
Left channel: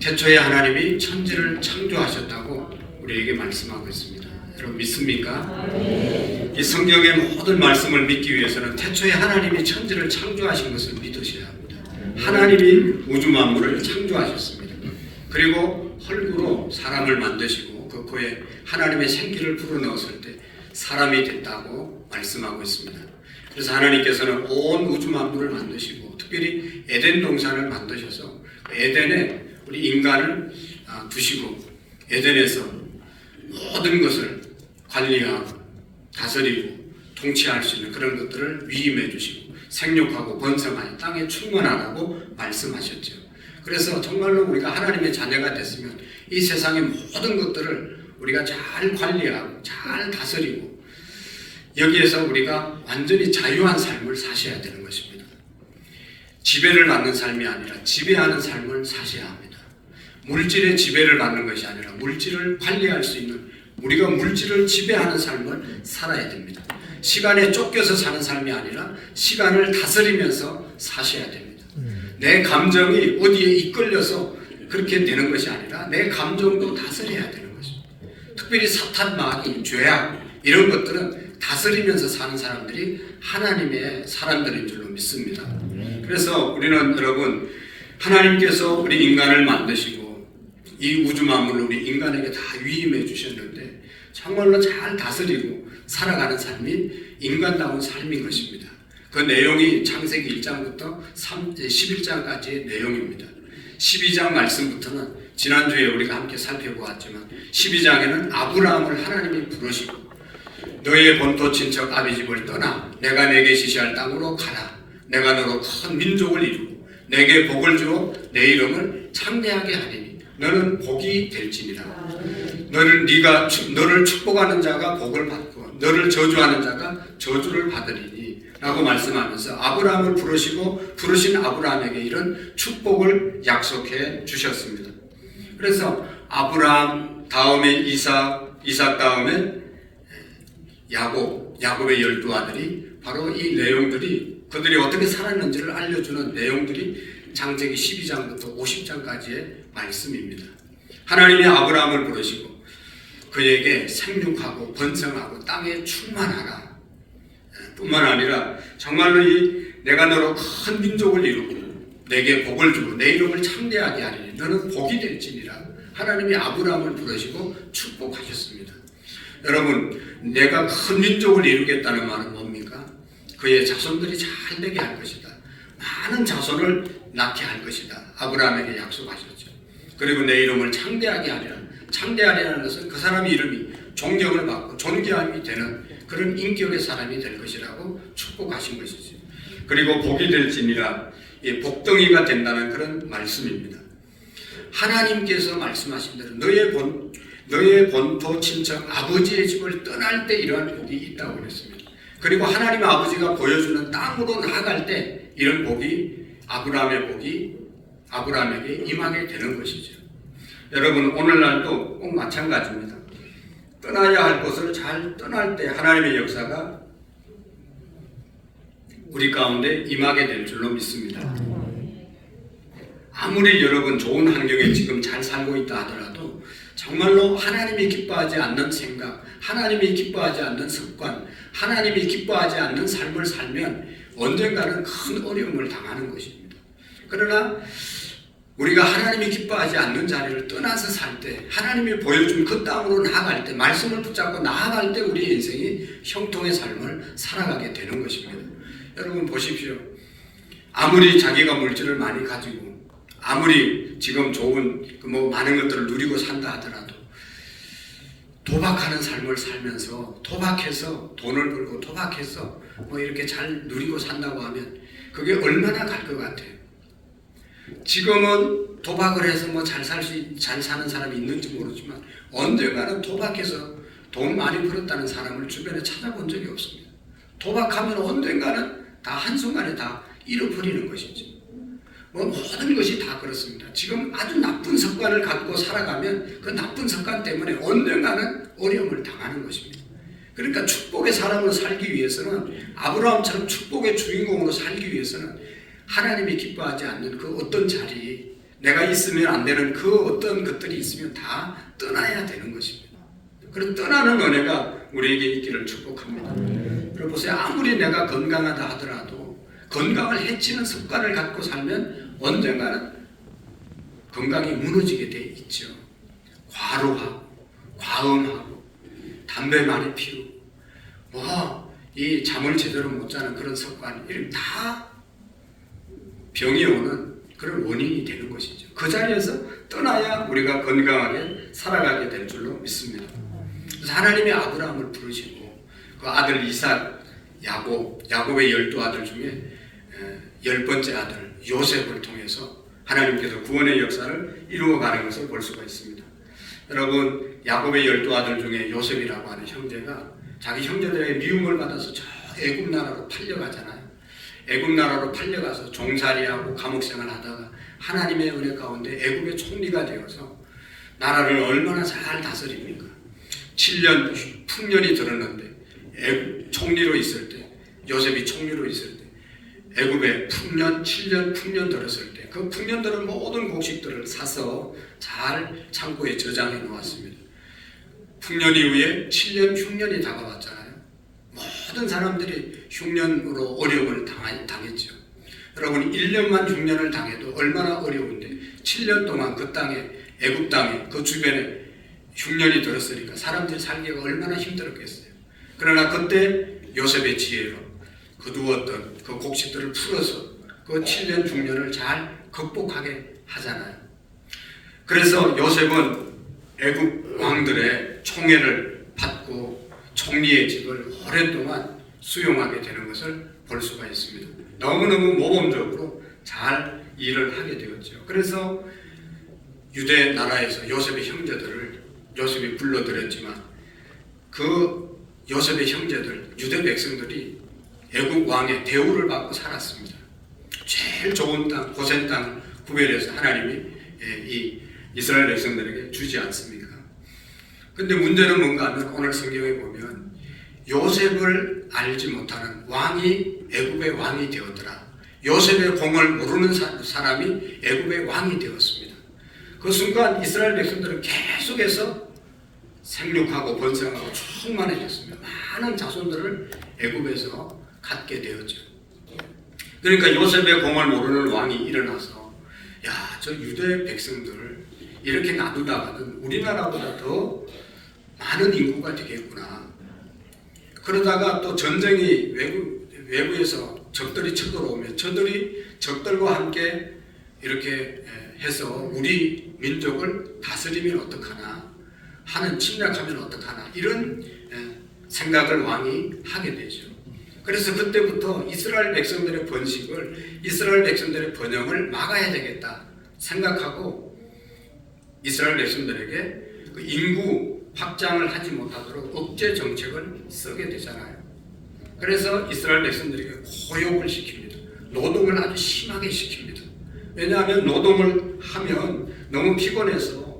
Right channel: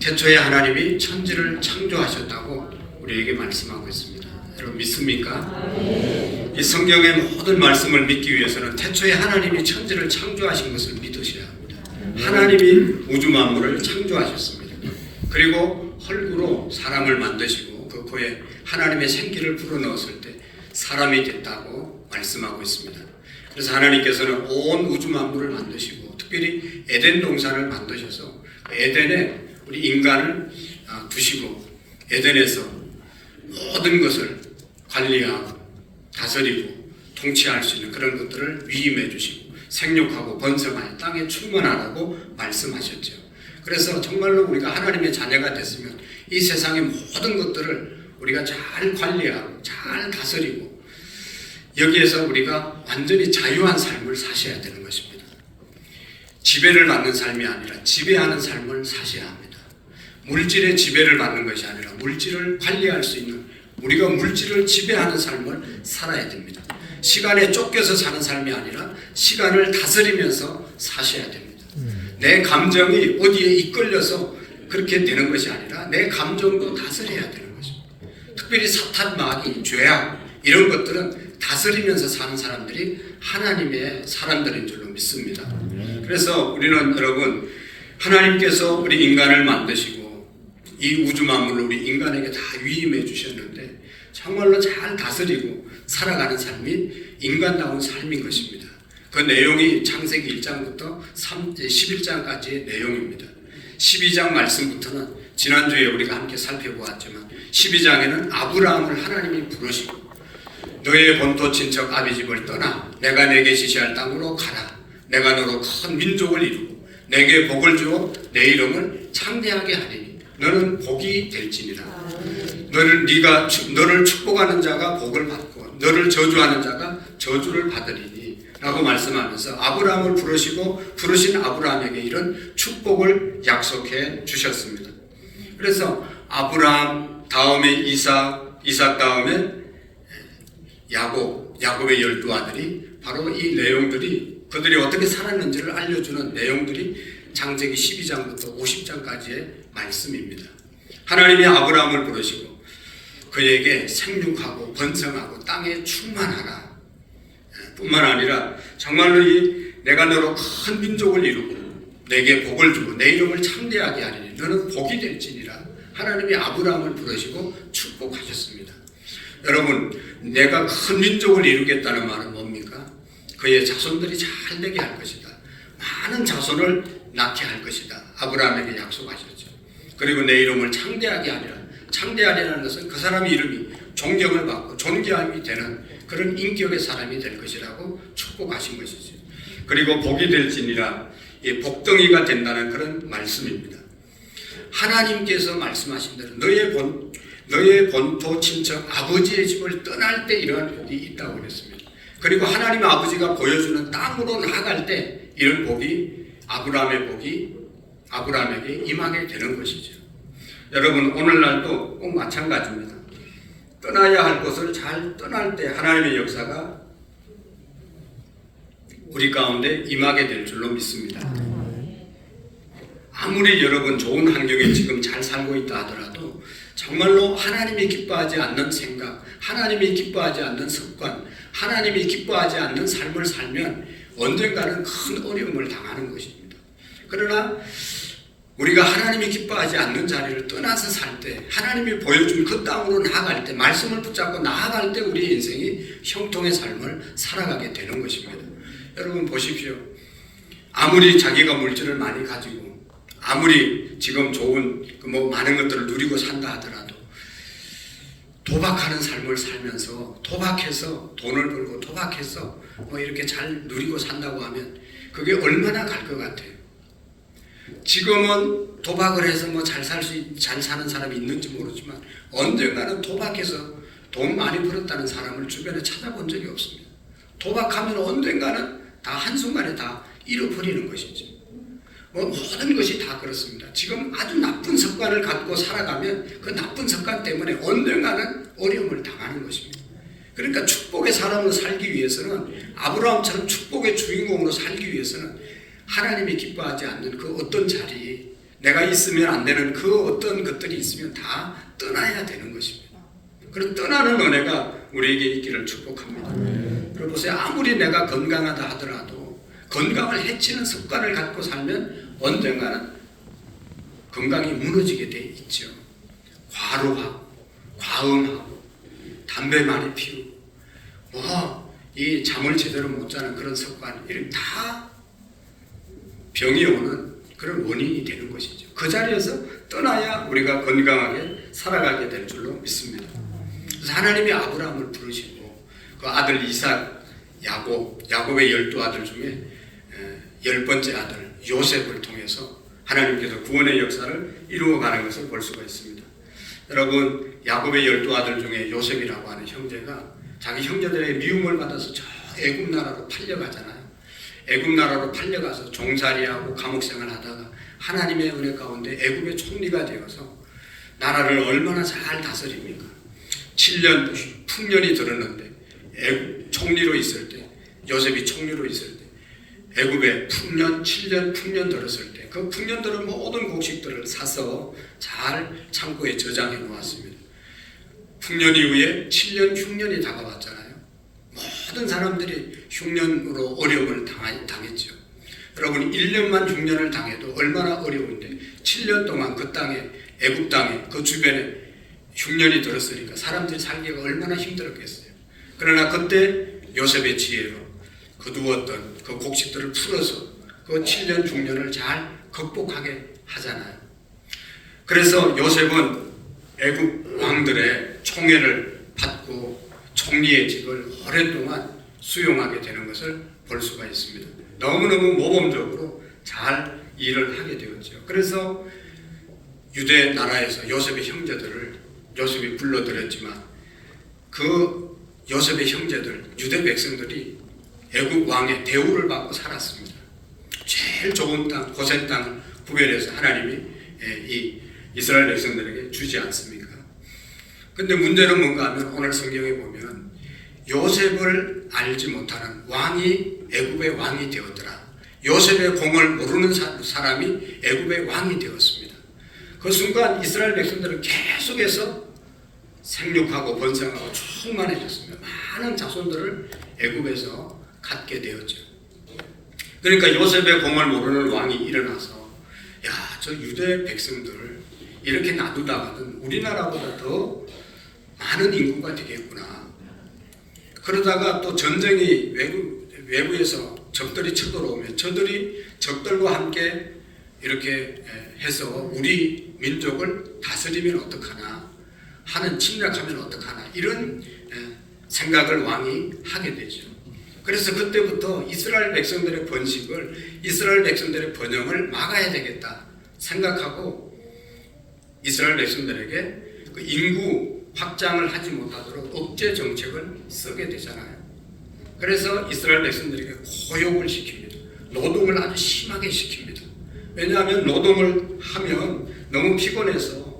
태초에 하나님이 천지를 창조하셨다고 우리에게 말씀하고 있습니다. 여러분 믿습니까? 이 성경의 모든 말씀을 믿기 위해서는 태초에 하나님이 천지를 창조하신 것을 믿으셔야 합니다. 하나님이 우주 만물을 창조하셨습니다. 그리고 흙으로 사람을 만드시고 그 코에 하나님의 생기를 불어넣었을 때 사람이 됐다고 말씀하고 있습니다. 그래서 하나님께서는 온 우주 만물을 만드시고 특별히 에덴 동산을 만드셔서 에덴에 우리 인간을 두시고 에덴에서 모든 것을 관리하고 다스리고 통치할 수 있는 그런 것들을 위임해 주시고 생육하고 번성하여 땅에 충만하라고 말씀하셨죠. 그래서 정말로 우리가 하나님의 자녀가 됐으면 이 세상의 모든 것들을 우리가 잘 관리하고 잘 다스리고 여기에서 우리가 완전히 자유한 삶을 사셔야 되는 것입니다. 지배를 받는 삶이 아니라 지배하는 삶을 사셔야 합니다. 물질의 지배를 받는 것이 아니라 물질을 관리할 수 있는 우리가 물질을 지배하는 삶을 살아야 됩니다. 시간에 쫓겨서 사는 삶이 아니라 시간을 다스리면서 사셔야 됩니다. 내 감정이 어디에 이끌려서 그렇게 되는 것이 아니라 내 감정도 다스려야 되는 것입니다. 특별히 사탄, 마귀, 죄악 이런 것들은 다스리면서 사는 사람들이 하나님의 사람들인 줄로 믿습니다. 그래서 우리는 여러분 하나님께서 우리 인간을 만드시고 이 우주 만물을 우리 인간에게 다 위임해 주셨는데 정말로 잘 다스리고 살아가는 삶이 인간다운 삶인 것입니다. 그 내용이 창세기 1장부터 11장까지의 내용입니다. 12장 말씀부터는 지난주에 우리가 함께 살펴보았지만 12장에는 아브라함을 하나님이 부르시고 너의 본토 친척 아비 집을 떠나 내가 내게 지시할 땅으로 가라. 내가 너로 큰 민족을 이루고 내게 복을 주어 내 이름을 창대하게 하리니 너는 복이 될지니라. 너를 축복하는 자가 복을 받고 너를 저주하는 자가 저주를 받으리니 라고 말씀하면서 아브라함을 부르시고 부르신 아브라함에게 이런 축복을 약속해 주셨습니다. 그래서 아브라함 다음에 이삭 다음에 야곱의 12아들이 바로 이 내용들이 그들이 어떻게 살았는지를 알려주는 내용들이 창세기 12장부터 50장까지의 말씀입니다. 하나님이 아브라함을 부르시고 그에게 생육하고 번성하고 땅에 충만하라 뿐만 아니라 정말로 내가 너로 큰 민족을 이루고 내게 복을 주고 내 이름을 창대하게 하리니 너는 복이 될지니라. 하나님이 아브라함을 부르시고 축복하셨습니다. 여러분, 내가 큰 민족을 이루겠다는 말은 뭡니까? 그의 자손들이 잘 되게 할 것이다. 많은 자손을 낳게 할 것이다. 아브라함에게 약속하셨죠. 그리고 내 이름을 창대하게 하리라. 창대하리라는 것은 그 사람의 이름이 존경을 받고 존귀함이 되는 그런 인격의 사람이 될 것이라고 축복하신 것이죠. 그리고 복이 될지니라, 복덩이가 된다는 그런 말씀입니다. 하나님께서 말씀하신 대로 너의 본토 친척 아버지의 집을 떠날 때 이러한 복이 있다고 그랬습니다. 그리고 하나님 아버지가 보여주는 땅으로 나아갈 때 이런 복이 아브라함의 복이 아브라함에게 임하게 되는 것이죠. 여러분, 오늘날도 꼭 마찬가지입니다. 떠나야 할 곳을 잘 떠날 때 하나님의 역사가 우리 가운데 임하게 될 줄로 믿습니다. 아무리 여러분 좋은 환경에 지금 잘 살고 있다 하더라도 정말로 하나님이 기뻐하지 않는 생각, 하나님이 기뻐하지 않는 습관, 하나님이 기뻐하지 않는 삶을 살면 언젠가는 큰 어려움을 당하는 것입니다. 그러나 우리가 하나님이 기뻐하지 않는 자리를 떠나서 살 때, 하나님이 보여준 그 땅으로 나아갈 때, 말씀을 붙잡고 나아갈 때 우리의 인생이 형통의 삶을 살아가게 되는 것입니다. 여러분 보십시오. 아무리 자기가 물질을 많이 가지고 아무리 지금 좋은 많은 것들을 누리고 산다 하더라도 도박하는 삶을 살면서 도박해서 돈을 벌고 도박해서 이렇게 잘 누리고 산다고 하면 그게 얼마나 갈 것 같아요. 지금은 도박을 해서 뭐 잘 사는 사람이 있는지 모르지만 언젠가는 도박해서 돈 많이 벌었다는 사람을 주변에 찾아본 적이 없습니다. 도박하면 언젠가는 다 한순간에 다 잃어버리는 것이지. 뭐 모든 것이 다 그렇습니다. 지금 아주 나쁜 습관을 갖고 살아가면 그 나쁜 습관 때문에 언젠가는 어려움을 당하는 것입니다. 그러니까 축복의 사람으로 살기 위해서는, 아브라함처럼 축복의 주인공으로 살기 위해서는 하나님이 기뻐하지 않는 그 어떤 자리, 내가 있으면 안 되는 그 어떤 것들이 있으면 다 떠나야 되는 것입니다. 그런 떠나는 은혜가 우리에게 있기를 축복합니다. 여러분 보세요. 아무리 내가 건강하다 하더라도 건강을 해치는 습관을 갖고 살면 언젠가는 건강이 무너지게 돼 있죠. 과로하고 과음하고 담배 많이 피우고 이 잠을 제대로 못 자는 그런 습관, 이런 다 병이 오는 그런 원인이 되는 것이죠. 그 자리에서 떠나야 우리가 건강하게 살아가게 될 줄로 믿습니다. 그래서 하나님이 아브라함을 부르시고 그 아들 이삭, 야곱의 12아들 중에 10번째 아들 요셉을 통해서 하나님께서 구원의 역사를 이루어가는 것을 볼 수가 있습니다. 여러분, 야곱의 12아들 중에 요셉이라고 하는 형제가 자기 형제들의 미움을 받아서 저 애굽 나라로 팔려가잖아요. 애굽 나라로 팔려가서 종살이하고 감옥생활 하다가 하나님의 은혜 가운데 애굽의 총리가 되어서 나라를 얼마나 잘 다스립니까? 7년 풍년이 들었는데 총리로 있을 때, 요셉이 총리로 있을 때 애굽에 7년 풍년 들었을 때 그 풍년들은 모든 곡식들을 사서 잘 창고에 저장해 놓았습니다. 풍년 이후에 7년 흉년이 다가왔잖아요. 모든 사람들이 흉년으로 어려움을 당했죠. 여러분, 1년만 흉년을 당해도 얼마나 어려운데 7년 동안 그 땅에, 애굽 땅에, 그 주변에 흉년이 들었으니까 사람들이 살기가 얼마나 힘들었겠어요. 그러나 그때 요셉의 지혜로 거두었던 그 곡식들을 풀어서 그 7년 흉년을 잘 극복하게 하잖아요. 그래서 요셉은 애굽 왕들의 총애를 받고 총리의 직을 오랫동안 수용하게 되는 것을 볼 수가 있습니다. 너무너무 모범적으로 잘 일을 하게 되었죠. 그래서 유대 나라에서 요셉의 형제들을 요셉이 불러들였지만 그 요셉의 형제들, 유대 백성들이 애굽 왕의 대우를 받고 살았습니다. 제일 좋은 땅, 고센 땅 구별해서 하나님이 이 이스라엘 백성들에게 주지 않습니까? 근데 문제는 뭔가 하면 오늘 성경에 보면 요셉을 알지 못하는 왕이 애굽의 왕이 되었더라. 요셉의 공을 모르는 사람이 애굽의 왕이 되었습니다. 그 순간 이스라엘 백성들은 계속해서 생육하고 번성하고 충만해졌습니다. 많은 자손들을 애굽에서 갖게 되었죠. 그러니까 요셉의 공을 모르는 왕이 일어나서 저 유대 백성들을 이렇게 놔두다가는 우리나라보다 더 많은 인구가 되겠구나. 그러다가 또 전쟁이 외부에서 적들이 쳐들어오면 저들이 적들과 함께 이렇게 해서 우리 민족을 다스리면 어떡하나 하는, 침략하면 어떡하나, 이런 생각을 왕이 하게 되죠. 그래서 그때부터 이스라엘 백성들의 번식을, 이스라엘 백성들의 번영을 막아야 되겠다 생각하고 이스라엘 백성들에게 그 인구 확장을 하지 못하도록 억제 정책을 쓰게 되잖아요. 그래서 이스라엘 백성들에게 고용을 시킵니다. 노동을 아주 심하게 시킵니다. 왜냐하면 노동을 하면 너무 피곤해서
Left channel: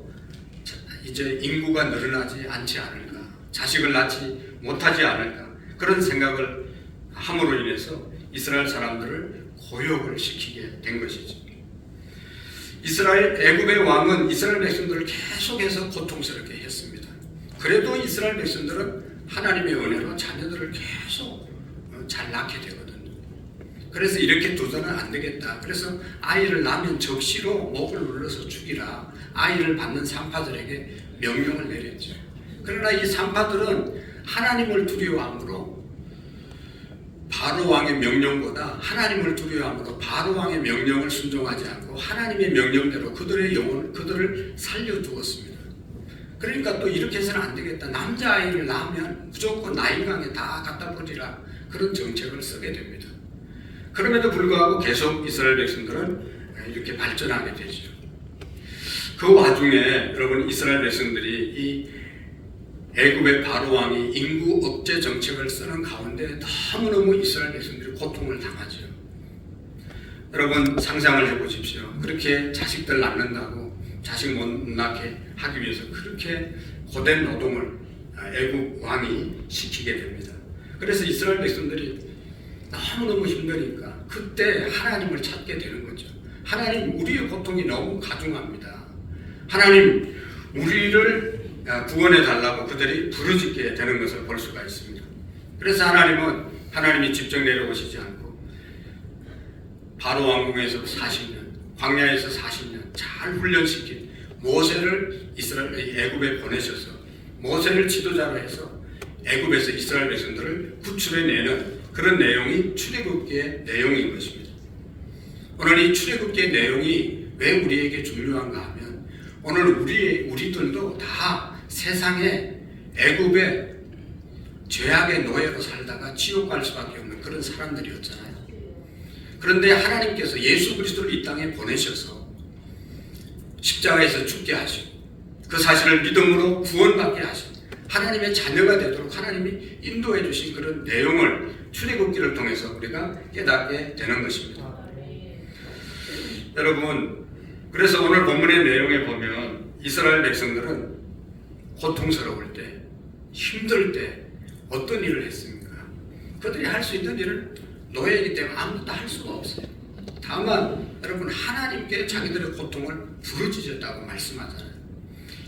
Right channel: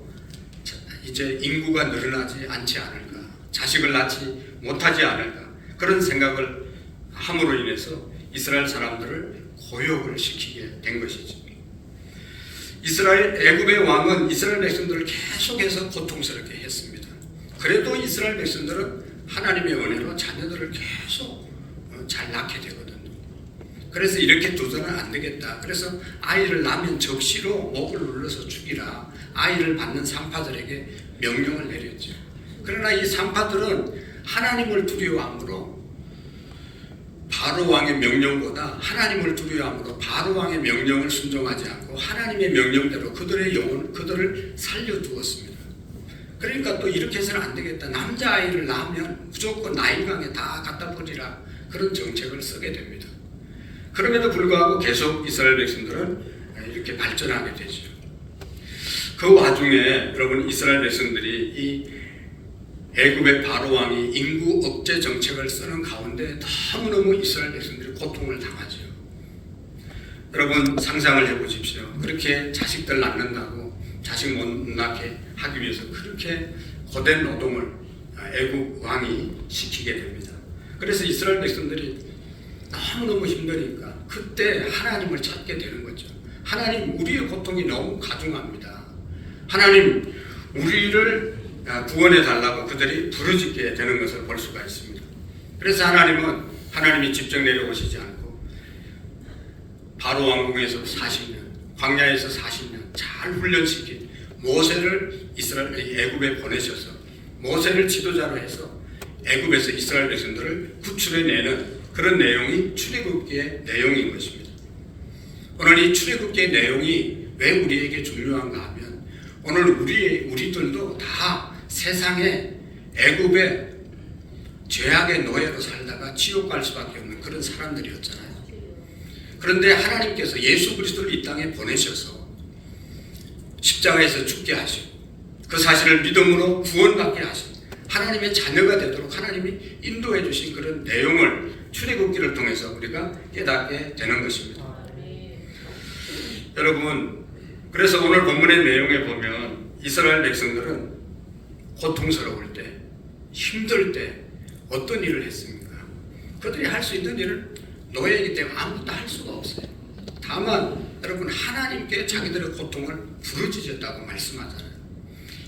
이제 인구가 늘어나지 않지 않을까, 자식을 낳지 못하지 않을까, 그런 생각을 함으로 인해서 이스라엘 사람들을 고용을 시키게 된 것이죠. 애굽의 왕은 이스라엘 백성들을 계속해서 고통스럽게 했습니다. 그래도 이스라엘 백성들은 하나님의 은혜로 자녀들을 계속 잘 낳게 되거든요. 그래서 이렇게 두서는 안 되겠다. 그래서 아이를 낳으면 적시로 목을 눌러서 죽이라, 아이를 받는 산파들에게 명령을 내렸죠. 그러나 이 산파들은 하나님을 두려워함으로 바로 왕의 명령보다 하나님을 두려워함으로 바로 왕의 명령을 순종하지 않고 하나님의 명령대로 그들의 영혼, 그들을 살려두었습니다. 그러니까 또 이렇게 해서는 안 되겠다. 남자아이를 낳으면 무조건 나일강에 다 갖다 버리라, 그런 정책을 쓰게 됩니다. 그럼에도 불구하고 계속 이스라엘 백성들은 이렇게 발전하게 되죠. 그 와중에 여러분 이스라엘 백성들이 이 애굽의 바로 왕이 인구 억제 정책을 쓰는 가운데 너무너무 이스라엘 백성들이 고통을 당하죠. 여러분 상상을 해보십시오. 그렇게 자식들 낳는다고 자식 못 낳게 하기 위해서 그렇게 고된 노동을 애굽 왕이 시키게 됩니다. 그래서 이스라엘 백성들이 너무너무 힘드니까 그때 하나님을 찾게 되는 거죠. 하나님, 우리의 고통이 너무 가중합니다. 하나님, 우리를 구원해 달라고 그들이 부르짖게 되는 것을 볼 수가 있습니다. 그래서 하나님이 직접 내려오시지 않고 바로 왕궁에서 40년, 광야에서 40년 잘 훈련시킨 모세를 애굽에 보내셔서 모세를 지도자로 해서 애굽에서 이스라엘 백성들을 구출해내는 그런 내용이 출애굽기의 내용인 것입니다. 오늘 이 출애굽기의 내용이 왜 우리에게 중요한가 하면 오늘 우리들도 다 세상에 애굽의 죄악의 노예로 살다가 지옥 갈 수밖에 없는 그런 사람들이었잖아요. 그런데 하나님께서 예수 그리스도를 이 땅에 보내셔서 십자가에서 죽게 하시고 그 사실을 믿음으로 구원받게 하시고 하나님의 자녀가 되도록 하나님이 인도해 주신 그런 내용을 출애굽기를 통해서 우리가 깨닫게 되는 것입니다. 여러분, 그래서 오늘 본문의 내용에 보면 이스라엘 백성들은 고통스러울 때, 힘들 때 어떤 일을 했습니까? 그들이 할 수 있는 일을 노예이기 때문에 아무것도 할 수가 없어요. 다만 여러분 하나님께 자기들의 고통을 부르짖었다고 말씀하잖아요.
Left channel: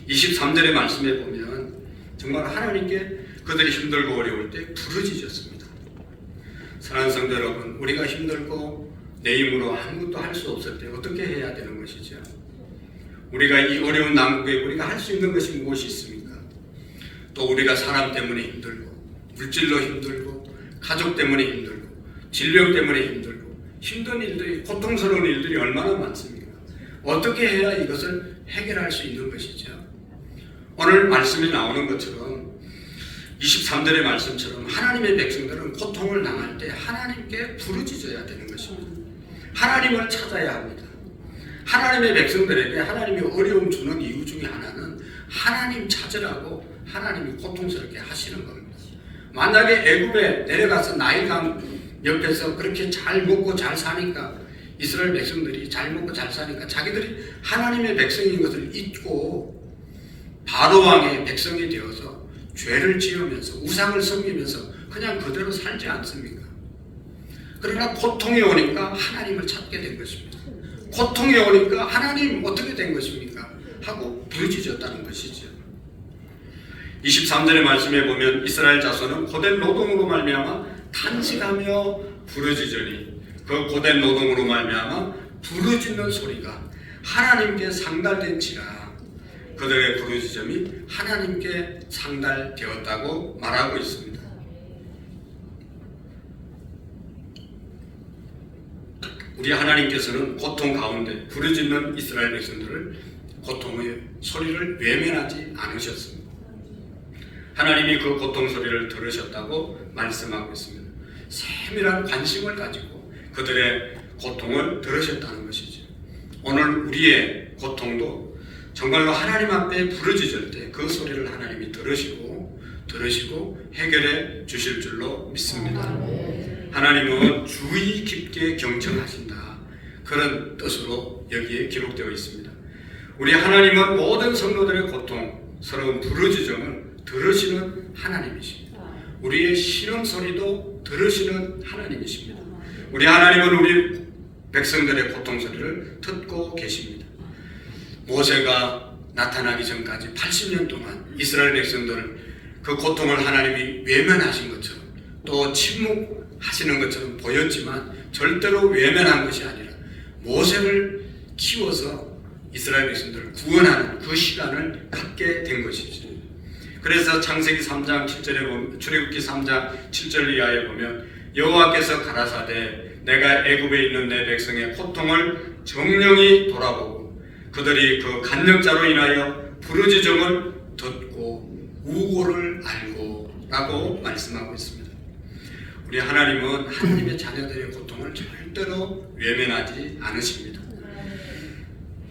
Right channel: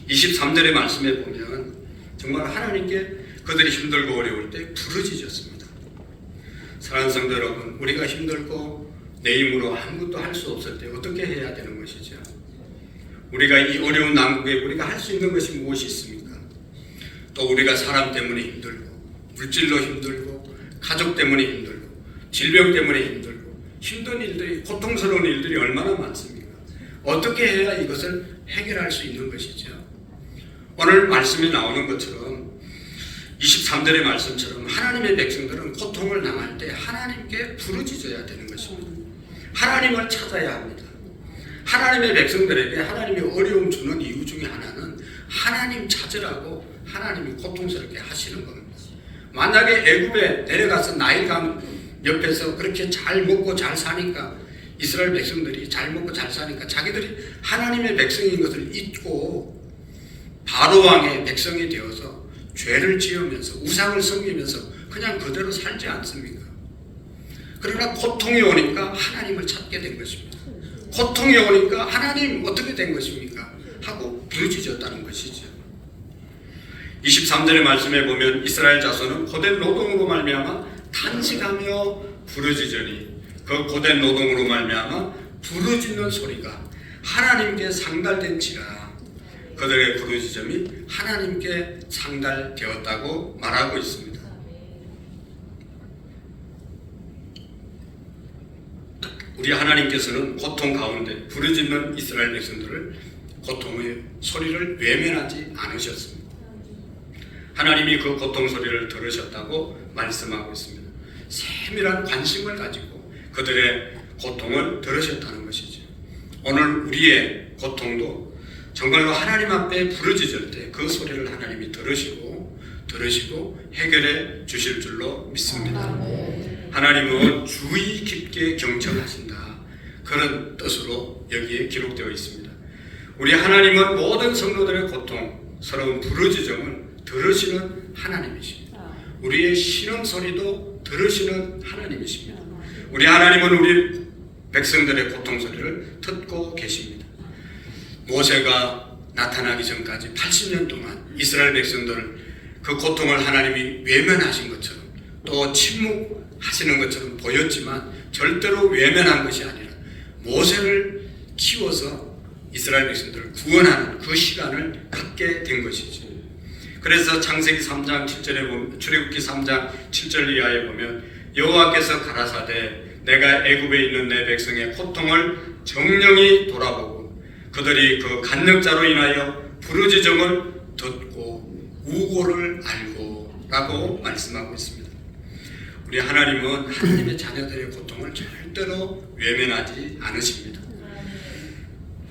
23절의 말씀에 보면 정말 하나님께 그들이 힘들고 어려울 때 부르짖었습니다. 사랑하는 성도 여러분, 우리가 힘들고 내 힘으로 아무것도 할 수 없을 때 어떻게 해야 되는 것이죠? 우리가 이 어려운 난국에 우리가 할 수 있는 것이 무엇이 있습니까? 또 우리가 사람 때문에 힘들고 물질로 힘들고 가족 때문에 힘들고 질병 때문에 힘들고 힘든 일들이 고통스러운 일들이 얼마나 많습니까? 어떻게 해야 이것을 해결할 수 있는 것이죠? 오늘 말씀이 나오는 것처럼 23절의 말씀처럼 하나님의 백성들은 고통을 당할 때 하나님께 부르짖어야 되는 것입니다. 하나님을 찾아야 합니다. 하나님의 백성들에게 하나님이 어려움 주는 이유 중에 하나는 하나님 찾으라고 하나님이 고통스럽게 하시는 겁니다. 만약에 애굽에 내려가서 나일강 옆에서 그렇게 잘 먹고 잘 사니까 이스라엘 백성들이 잘 먹고 잘 사니까 자기들이 하나님의 백성인 것을 잊고 바로 왕의 백성이 되어서 죄를 지으면서 우상을 섬기면서 그냥 그대로 살지 않습니까? 그러나 고통이 오니까 하나님을 찾게 된 것입니다. 고통이 오니까 하나님 어떻게 된 것입니까? 하고 부르짖었다는 것이죠. 23절의 말씀에 보면 이스라엘 자손은 고된 노동으로 말미암아 탄식하며 부르짖으니 그 고된 노동으로 말미암아 부르짖는 소리가 하나님께 상달된지라 그들의 부르짖음이 하나님께 상달되었다고 말하고 있습니다. 우리 하나님께서는 고통 가운데 부르짖는 이스라엘 백성들을 고통의 소리를 외면하지 않으셨습니다. 하나님이 그 고통 소리를 들으셨다고 말씀하고 있습니다. 세밀한 관심을 가지고 그들의 고통을 들으셨다는 것이죠. 오늘 우리의 고통도 정말로 하나님 앞에 부르짖을 때 그 소리를 하나님이 들으시고 해결해 주실 줄로 믿습니다. 하나님은 주의 깊게 경청하신다. 그런 뜻으로 여기에 기록되어 있습니다. 우리 하나님은 모든 성도들의 고통스러운 부르짖음을 들으시는 하나님이십니다. 우리의 신음 소리도 들으시는 하나님이십니다. 우리 하나님은 우리 백성들의 고통 소리를 듣고 계십니다. 모세가 나타나기 전까지 80년 동안 이스라엘 백성들을 그 고통을 하나님이 외면하신 것처럼 또 침묵하시는 것처럼 보였지만 절대로 외면한 것이 아니라 모세를 키워서 이스라엘 백성들을 구원하는 그 시간을 갖게 된 것이죠. 그래서 창세기 3장 7절에 보면 출애굽기 3장 7절 이하에 보면 여호와께서 가라사대 내가 애굽에 있는 내 백성의 고통을 정령히 돌아보고 그들이 그 간역자로 인하여 부르짖음을 듣고 우고를 알고 라고 말씀하고 있습니다. 우리 하나님은 하나님의 자녀들의 고통을 절대로 외면하지 않으십니다.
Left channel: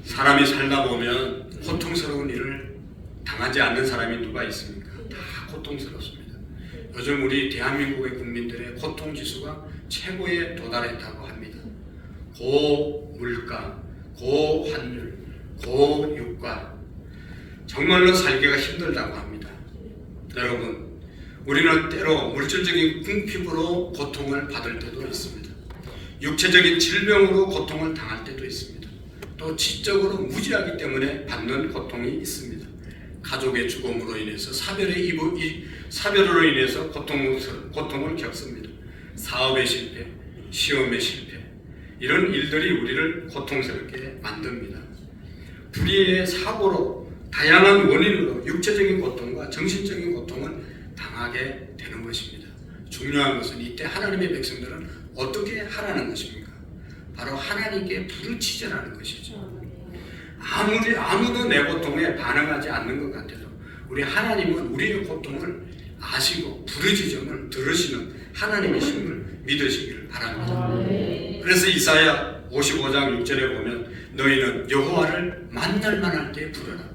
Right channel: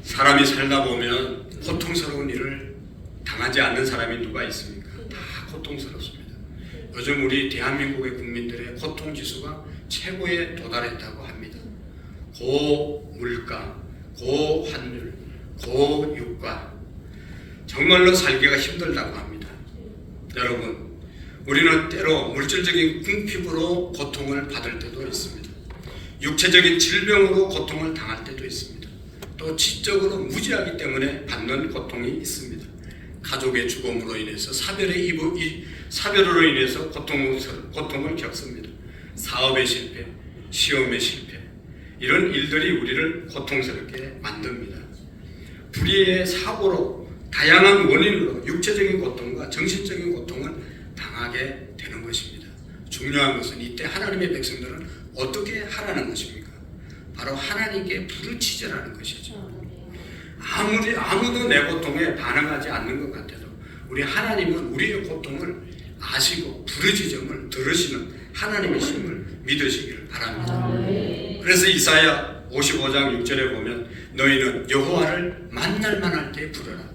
사람이 살다 보면 고통스러운 일을 당하지 않는 사람이 누가 있습니까? 다 고통스럽습니다. 요즘 우리 대한민국의 국민들의 고통지수가 최고에 도달했다고 합니다. 고물가, 고환율, 고유가, 정말로 살기가 힘들다고 합니다. 여러분, 우리는 때로 물질적인 궁핍으로 고통을 받을 때도 있습니다. 육체적인 질병으로 고통을 당할 때도 있습니다. 또 지적으로 무지하기 때문에 받는 고통이 있습니다. 가족의 죽음으로 인해서 사별으로 인해서 고통을 겪습니다. 사업의 실패, 시험의 실패, 이런 일들이 우리를 고통스럽게 만듭니다. 불의의 사고로 다양한 원인으로 육체적인 고통과 정신적인 고통을 당하게 되는 것입니다. 중요한 것은 이때 하나님의 백성들은 어떻게 하라는 것입니까? 바로 하나님께 부르짖으라는 것이죠. 아무도 내 고통에 반응하지 않는 것 같아도 우리 하나님은 우리의 고통을 아시고 부르짖음을 들으시는 하나님이심을 믿으시기를 바랍니다. 그래서 이사야 55장 6절에 보면 너희는 여호와를 만날 만할 때 부르라.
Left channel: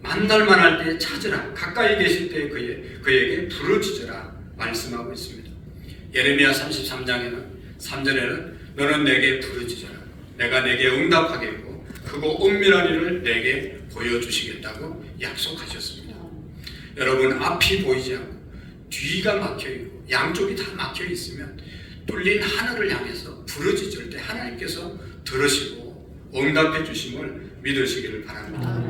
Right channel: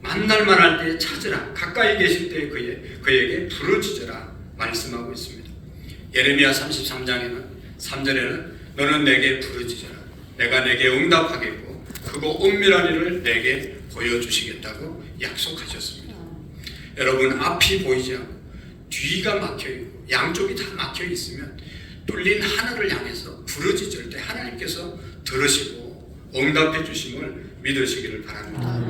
만날 만할 때 찾으라. 가까이 계실 때 그에게 부르짖으라 말씀하고 있습니다. 예레미야 33장에는 3절에는 너는 내게 부르짖으라. 내가 내게 응답하겠고 크고 은밀한 일을 내게 보여주시겠다고 약속하셨습니다. 여러분, 앞이 보이지 않고 뒤가 막혀있고 양쪽이 다 막혀있으면 뚫린 하늘을 향해서 부르짖을 때 하나님께서 들으시고 응답해 주심을 믿으시기를 바랍니다.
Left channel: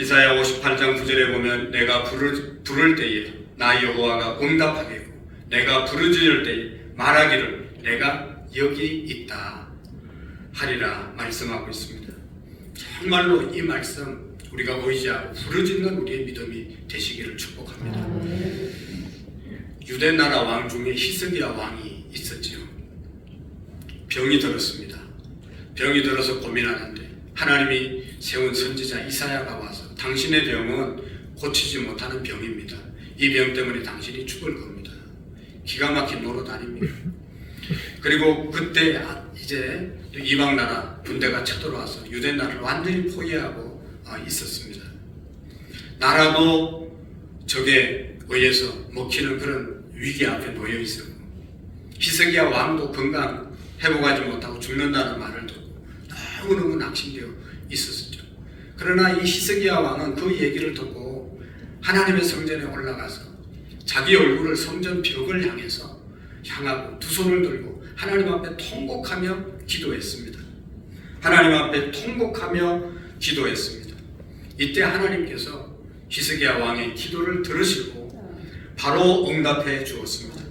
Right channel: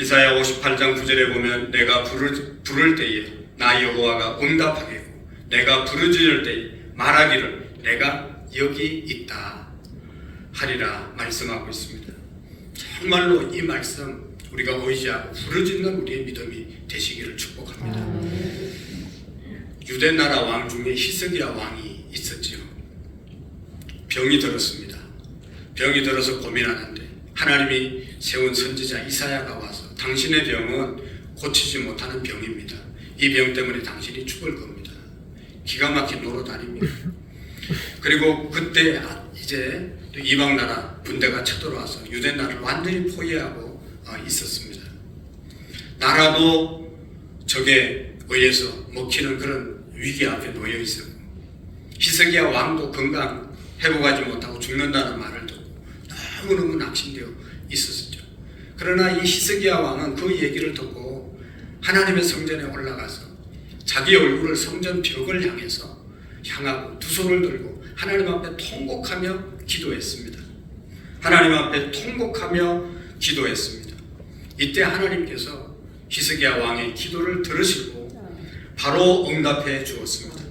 이사야 58장 9절에 보면 내가 부를 때에 나 여호와가 응답하겠고 내가 부르짖을 때에 말하기를 내가 여기 있다 하리라 말씀하고 있습니다. 정말로 이 말씀 우리가 의지하고 부르짖는 우리의 믿음이 되시기를 축복합니다. 유대 나라 왕 중에 히스기야 왕이 있었지요. 병이 들었습니다. 병이 들어서 고민하는데 하나님이 세운 선지자 이사야가 와서 당신의 병은 고치지 못하는 병입니다. 이 병 때문에 당신이 죽을 겁니다. 기가 막힌 노릇 아닙니까? 그리고 그때 이제 이방 나라 군대가 쳐들어와서 유대 나라를 완전히 포위하고 있었습니다. 나라도 적에 의해서 먹히는 그런 위기 앞에 놓여 있었고 히스기야 왕도 건강 회복하지 못하고 죽는다는 말을 듣고 너무너무 낙심되어 있었죠. 그러나 이 히스기야 왕은 그 얘기를 듣고 하나님의 성전에 올라가서 자기 얼굴을 성전 벽을 향하고 두 손을 들고 하나님 앞에 통곡하며 기도했습니다. 하나님 앞에 통곡하며 기도했습니다. 이때 하나님께서 히스기야 왕의 기도를 들으시고 바로 응답해 주었습니다.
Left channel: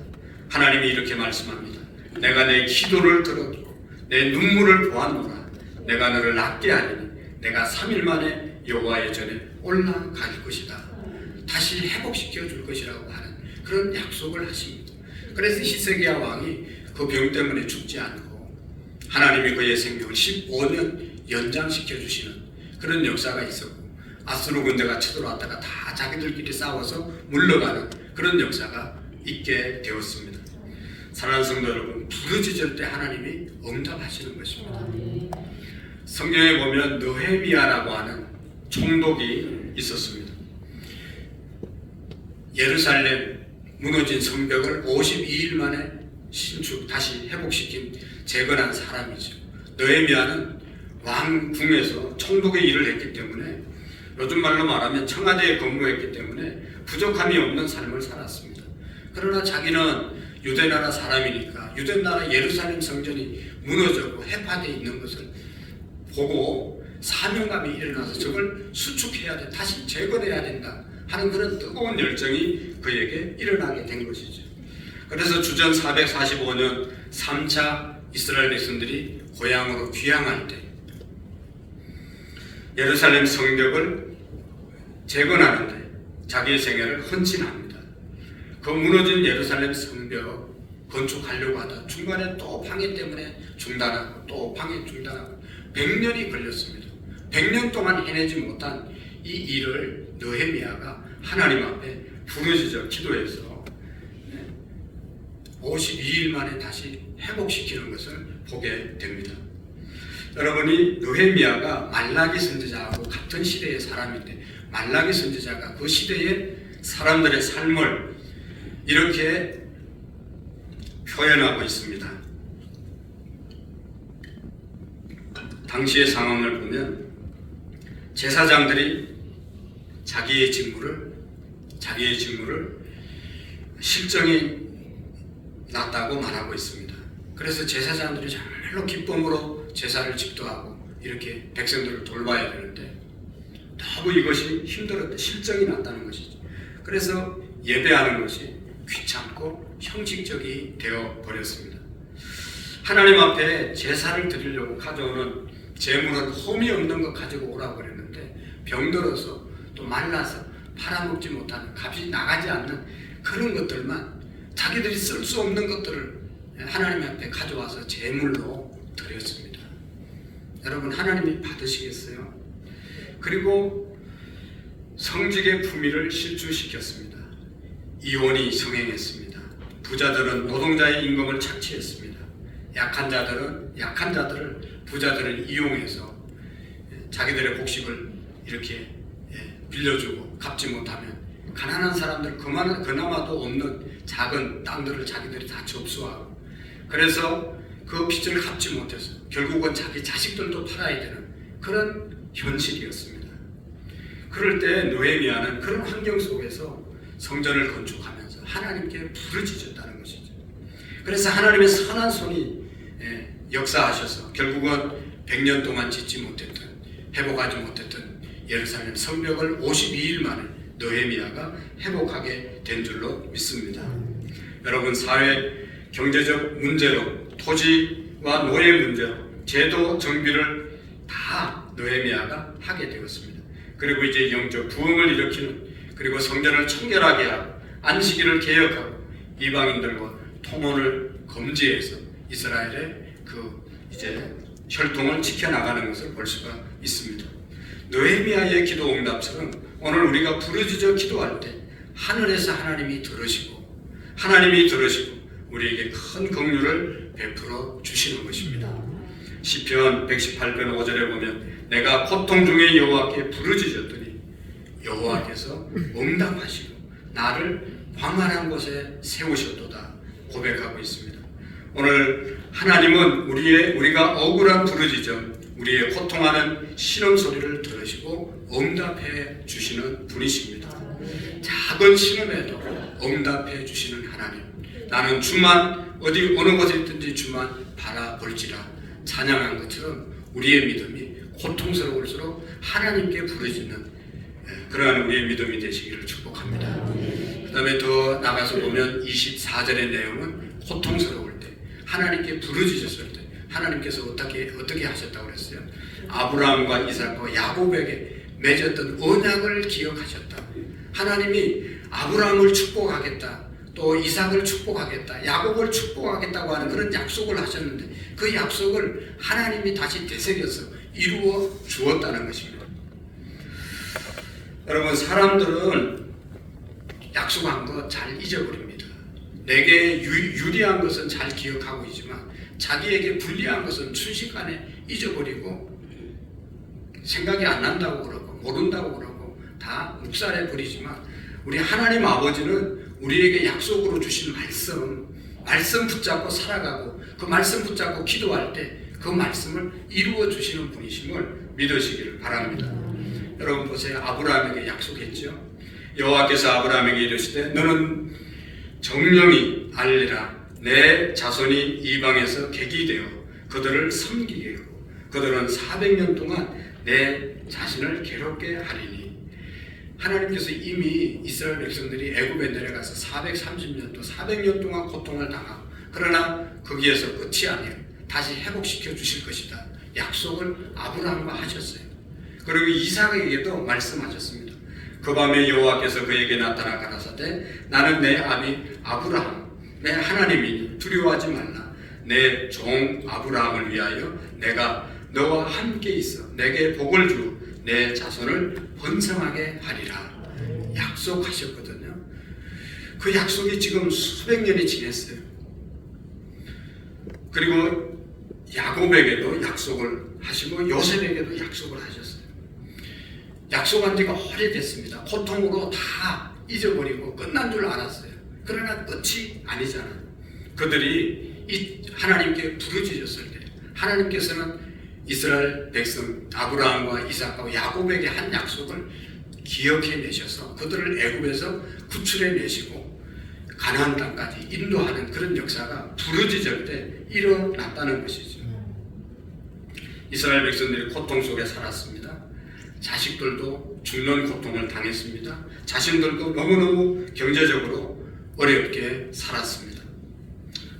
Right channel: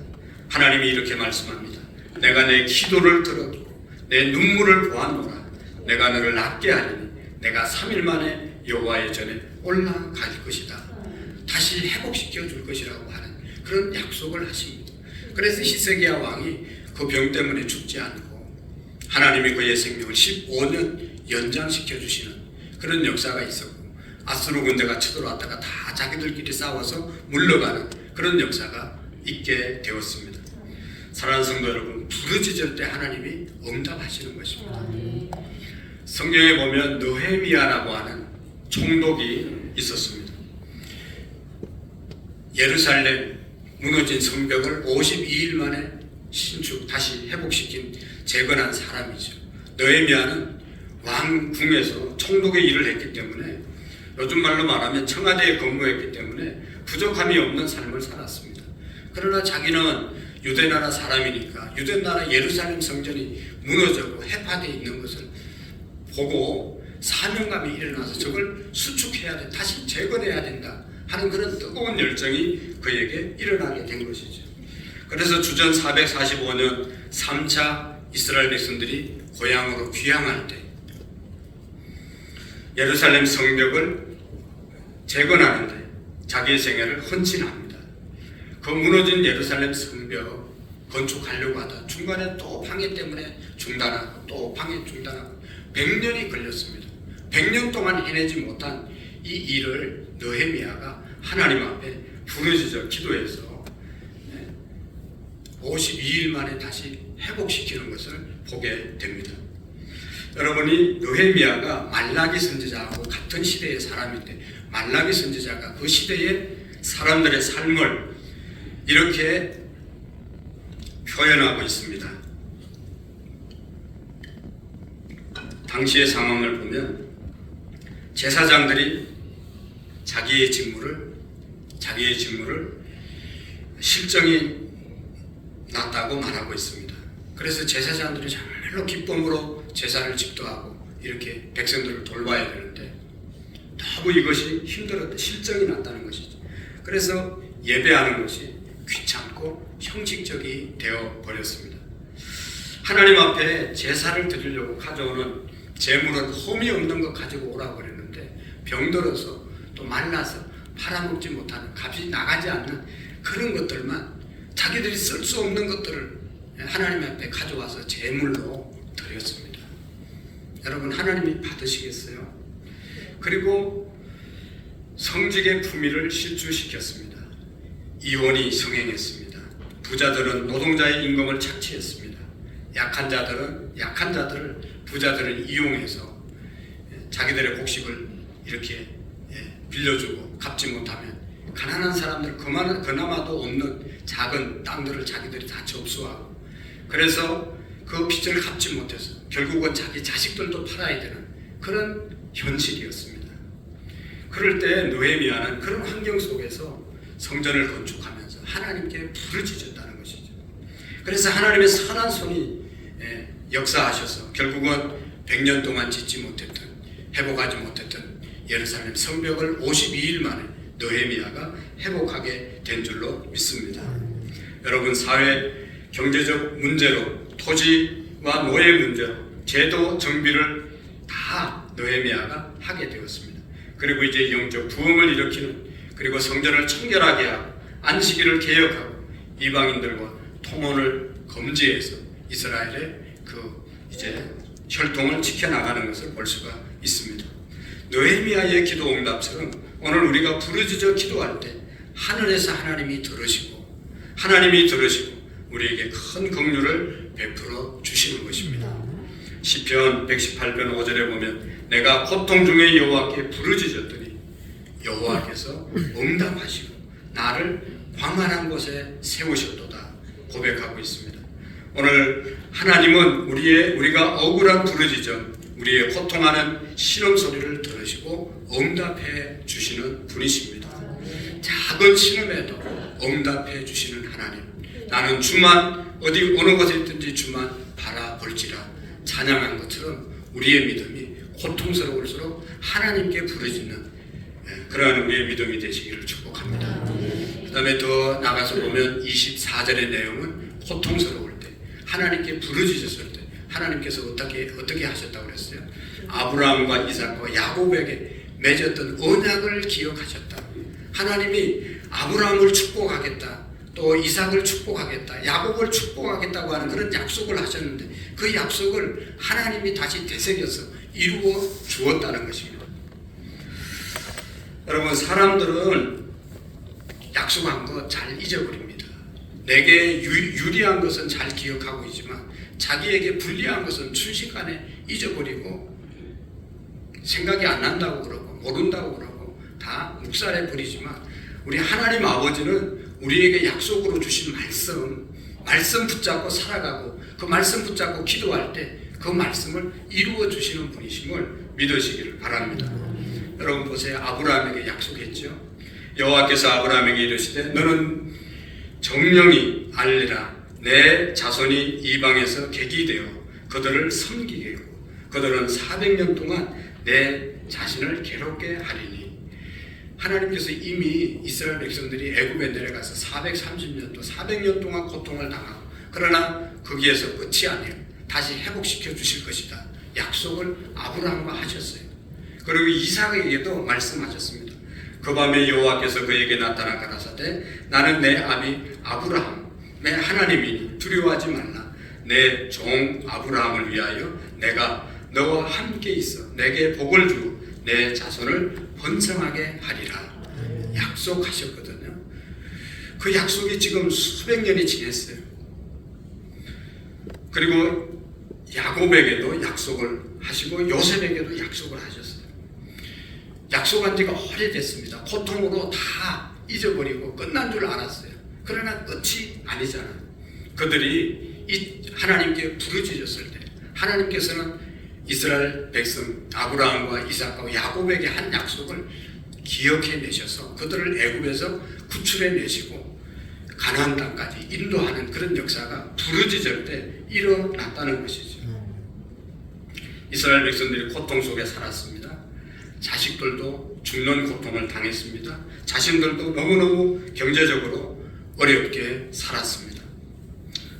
하나님이 이렇게 말씀합니다. 내가 내 기도를 들었고 내 눈물을 보았노라. 내가 너를 낫게 하리니 내가 3일 만에 여호와의 전에 올라갈 것이다. 다시 회복시켜 줄 것이라고 하는 그런 약속을 하십니다. 그래서 히스기야 왕이 그 병 때문에 죽지 않고 하나님이 그의 생명을 15년 연장시켜 주시는 그런 역사가 있었고 아수르 군대가 쳐들어왔다가 다 자기들끼리 싸워서 물러가는 그런 역사가 있게 되었습니다. 사랑하는 성도 여러분, 부르짖을 때 하나님이 응답하시는 것입니다. 성경에 보면 느헤미야라고 하는 총독이 있었습니다. 예루살렘 무너진 성벽을 52일 만에 다시 회복시킨 재건한 사람이죠. 느헤미야는 왕궁에서 총독의 일을 했기 때문에 요즘 말로 말하면 청와대에 근무했기 때문에 부족함이 없는 삶을 살았습니다. 그러나 자기는 유대나라 사람이니까 유대나라 예루살렘 성전이 무너졌고 해파되어 있는 것을 보고 사명감이 일어나서 저걸 수축해야 돼, 다시 재건해야 된다 하는 그런 뜨거운 열정이 그에게 일어나게 된 것이죠. 그래서 주전 445년 3차 이스라엘 백성들이 고향으로 귀향할 때 예루살렘 성벽을 재건하는데 자기의 생애를 헌신합니다. 그 무너진 예루살렘 성벽 건축하려고 하다 중간에 또 방해 때문에 중단하고 또 방해 중단하고 100년이 걸렸습니다. 100년 동안 해내지 못한 이 일을 느헤미야가 하나님 앞에 부르짖어 기도해서 52일 만에 다시 회복시키는 것을 보게 됩니다. 여러분이 느헤미야가 말라기 선지자하고 같은 시대의 사람인데 말라기 선지자가 그 시대의 사람들의 삶을 이렇게 표현하고 있습니다. 당시의 상황을 보면 제사장들이 자기의 직무를 실정이 났다고 말하고 있습니다. 그래서 제사장들이 정말로 기쁨으로 제사를 집도하고 이렇게 백성들을 돌봐야 되는데 너무 이것이 힘들었대. 실정이 났다는 것이죠. 그래서 예배하는 것이 귀찮고 형식적이 되어 버렸습니다. 하나님 앞에 제사를 드리려고 가져오는 재물은 흠이 없는 것 가지고 오라고 그랬는데 병들어서 또 말라서 팔아먹지 못하는 값이 나가지 않는 그런 것들만 자기들이 쓸 수 없는 것들을 하나님 앞에 가져와서 제물로 드렸습니다. 여러분 하나님이 받으시겠어요? 그리고 성직의 품위를 실추시켰습니다. 이혼이 성행했습니다. 부자들은 노동자의 임금을 착취했습니다. 약한 자들을 부자들을 이용해서 자기들의 곡식을 이렇게 빌려주고 갚지 못하면 가난한 사람들 그나마도 없는 작은 땅들을 자기들이 다 접수하고 그래서 그 빚을 갚지 못해서 결국은 자기 자식들도 팔아야 되는 그런 현실이었습니다. 그럴 때 느헤미야는 그런 환경 속에서 성전을 건축하면서 하나님께 부르짖었다는 것이죠. 그래서 하나님의 선한 손이 역사하셔서 결국은 100년 동안 짓지 못했던 회복하지 못했던 예루살렘 성벽을 52일 만에 느헤미야가 회복하게 된 줄로 믿습니다. 여러분 사회 경제적 문제로 토지와 노예 문제로 제도 정비를 다 느헤미야가 하게 되었습니다. 그리고 이제 영적 부흥을 일으키는 그리고 성전을 청결하게 하고 안식일을 개혁하고 이방인들과 통혼을 금지해서 이스라엘의 그 이제 혈통을 지켜나가는 것을 볼 수가 있습니다. 느헤미야의 기도 응답처럼 오늘 우리가 부르짖어 기도할 때 하늘에서 하나님이 들으시고 우리에게 큰 긍휼을 베풀어 주시는 것입니다. 시편 118편 5절에 보면 내가 고통 중에 여호와께 부르짖었더니 여호와께서 응답하시고 나를 광활한 곳에 세우셨도다 고백하고 있습니다. 오늘 하나님은 우리가 억울한 부르짖음 우리의 고통하는 신음소리를 들으시고 응답해 주시는 분이십니다. 작은 신음에도 응답해 주시는 하나님, 나는 주만 어느 곳에 있든지 주만 바라볼지라 찬양한 것처럼 우리의 믿음이 고통스러울수록 하나님께 부르짖는 그러한 우리의 믿음이 되시기를 축복합니다. 그 다음에 더 나가서 보면 24절의 내용은 고통스러울 때 하나님께 부르짖었을 때 하나님께서 어떻게 하셨다고 그랬어요? 아브라함과 이삭과 야곱에게 맺었던 언약을 기억하셨다. 하나님이 아브라함을 축복하겠다, 또 이삭을 축복하겠다, 야곱을 축복하겠다고 하는 그런 약속을 하셨는데 그 약속을 하나님이 다시 되새겨서 이루어 주었다는 것입니다. 여러분 사람들은 약속한 거 잘 잊어버립니다. 내게 유리한 것은 잘 기억하고 있지만 자기에게 불리한 것은 순식간에 잊어버리고 생각이 안 난다고 그러고 모른다고 그러고 다 묵살해 버리지만 우리 하나님 아버지는 우리에게 약속으로 주신 말씀 붙잡고 살아가고 그 말씀 붙잡고 기도할 때 그 말씀을 이루어 주시는 분이심을 믿으시기를 바랍니다. 여러분 보세요. 아브라함에게 약속했죠. 여호와께서 아브라함에게 이르시되 너는 정령이 알리라 내 자손이 이방에서 객이 되어 그들을 섬기게 하고 그들은 400년 동안 내 자신을 괴롭게 하리니. 하나님께서 이미 이스라엘 백성들이 애굽에 내려가서 430년 또 400년 동안 고통을 당하고 그러나 거기에서 끝이 아니에요. 다시 회복시켜 주실 것이다. 약속을 아브라함과 하셨어요. 그리고 이삭에게도 말씀하셨습니다. 그 밤에 여호와께서 그에게 나타나 가라사대 나는 내 아비 아브라함의 하나님이니 두려워하지 말라. 내 종 아브라함을 위하여 내가 너와 함께 있어 내게 복을 주고 내 자손을 번성하게 하리라. 약속하셨거든요. 그 약속이 지금 수백 년이 지났어요. 그리고 야곱에게도 약속을 하시고 요셉에게도 약속을 하셨어요. 약속한 지가 오래됐습니다. 고통으로 다 잊어버리고 끝난 줄 알았어요. 그러나 끝이 아니잖아요. 그들이 하나님께 부르짖었을 때 하나님께서는 이스라엘 백성 아브라함과 이삭과 야곱에게 한 약속을 기억해내셔서 그들을 애굽에서 구출해내시고 가나안 땅까지 인도하는 그런 역사가 부르짖을 때 일어났다는 것이죠. 이스라엘 백성들이 고통 속에 살았습니다. 자식들도 죽는 고통을 당했습니다. 자신들도 너무너무 경제적으로 어렵게 살았습니다.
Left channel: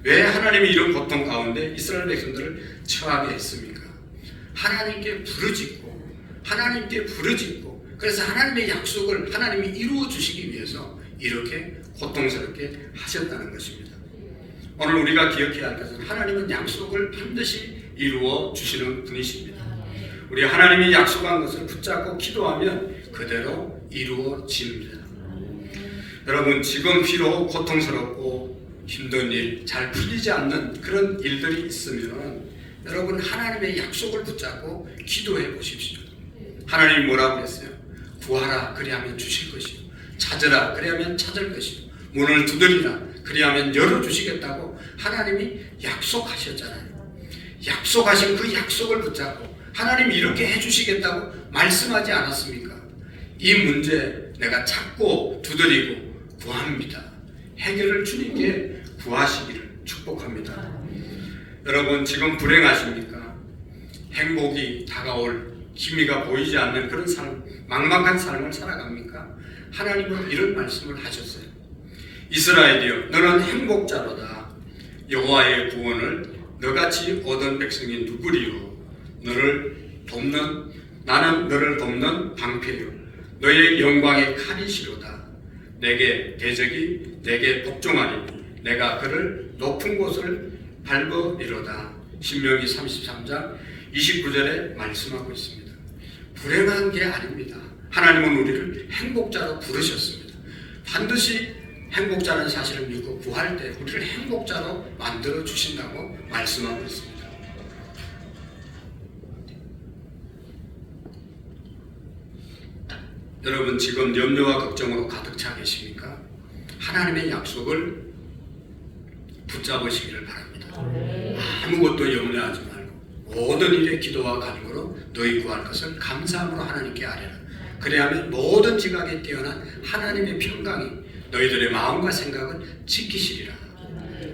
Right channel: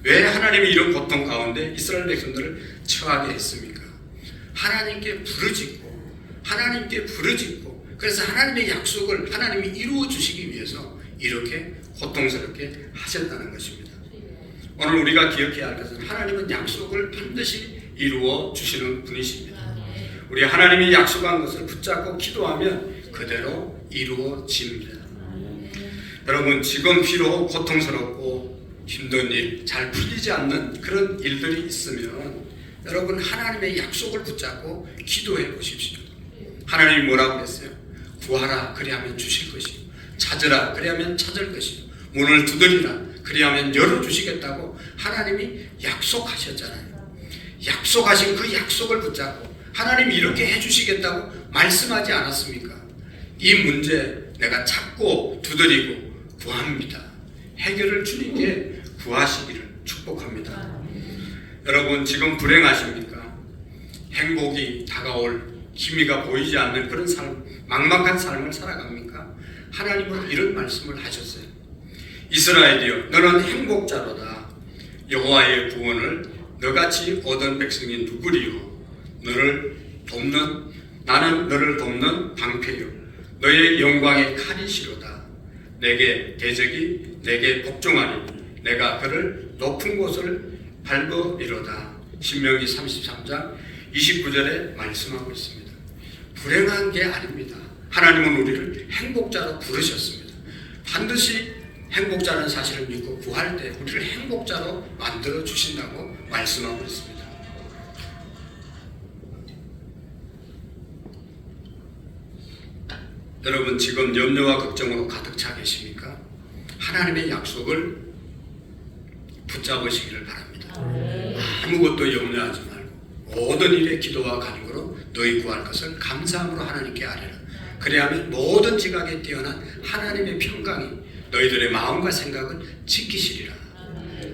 왜 하나님이 이런 고통 가운데 이스라엘 백성들을 처하게 했습니까? 하나님께 부르짖고 그래서 하나님의 약속을 하나님이 이루어 주시기 위해서 이렇게 고통스럽게 하셨다는 것입니다. 오늘 우리가 기억해야 할 것은 하나님은 약속을 반드시 이루어 주시는 분이십니다. 우리 하나님이 약속한 것을 붙잡고 기도하면 그대로 이루어집니다. 여러분, 지금 비록 고통스럽고 힘든 일, 잘 풀리지 않는 그런 일들이 있으면 여러분 하나님의 약속을 붙잡고 기도해 보십시오. 하나님이 뭐라고 했어요? 구하라 그리하면 주실 것이요, 찾으라 그리하면 찾을 것이요, 문을 두드리라 그리하면 열어주시겠다고 하나님이 약속하셨잖아요. 약속하신 그 약속을 붙잡고 하나님이 이렇게 해주시겠다고 말씀하지 않았습니까? 이 문제 내가 찾고 두드리고 구합니다. 해결을 주님께 구하시기를 축복합니다. 여러분, 지금 불행하십니까? 행복이 다가올 희미가 보이지 않는 그런 삶, 막막한 삶을 살아갑니까? 하나님은 이런 말씀을 하셨어요. 이스라엘이여, 너는 행복자로다. 여호와의 구원을 너같이 얻은 백성이 누구리요? 나는 너를 돕는 방패요, 너의 영광의 칼이시로다. 내게 대적이 내게 복종하리니 내가 그를 높은 곳을 밟으리로다. 신명기 33장 29절에 말씀하고 있습니다. 불행한 게 아닙니다. 하나님은 우리를 행복자로 부르셨습니다. 반드시 행복자라는 사실을 믿고 구할 때 우리를 행복자로 만들어 주신다고 말씀하고 있습니다. 여러분, 지금 염려와 걱정으로 가득 차 계십니까? 하나님의 약속을 붙잡으시기를 바랍니다. 아무것도 염려하지 말고 모든 일에 기도와 간구로 너희 구할 것을 감사함으로 하나님께 아뢰라. 그래야만 모든 지각에 뛰어난 하나님의 평강이 너희들의 마음과 생각을 지키시리라.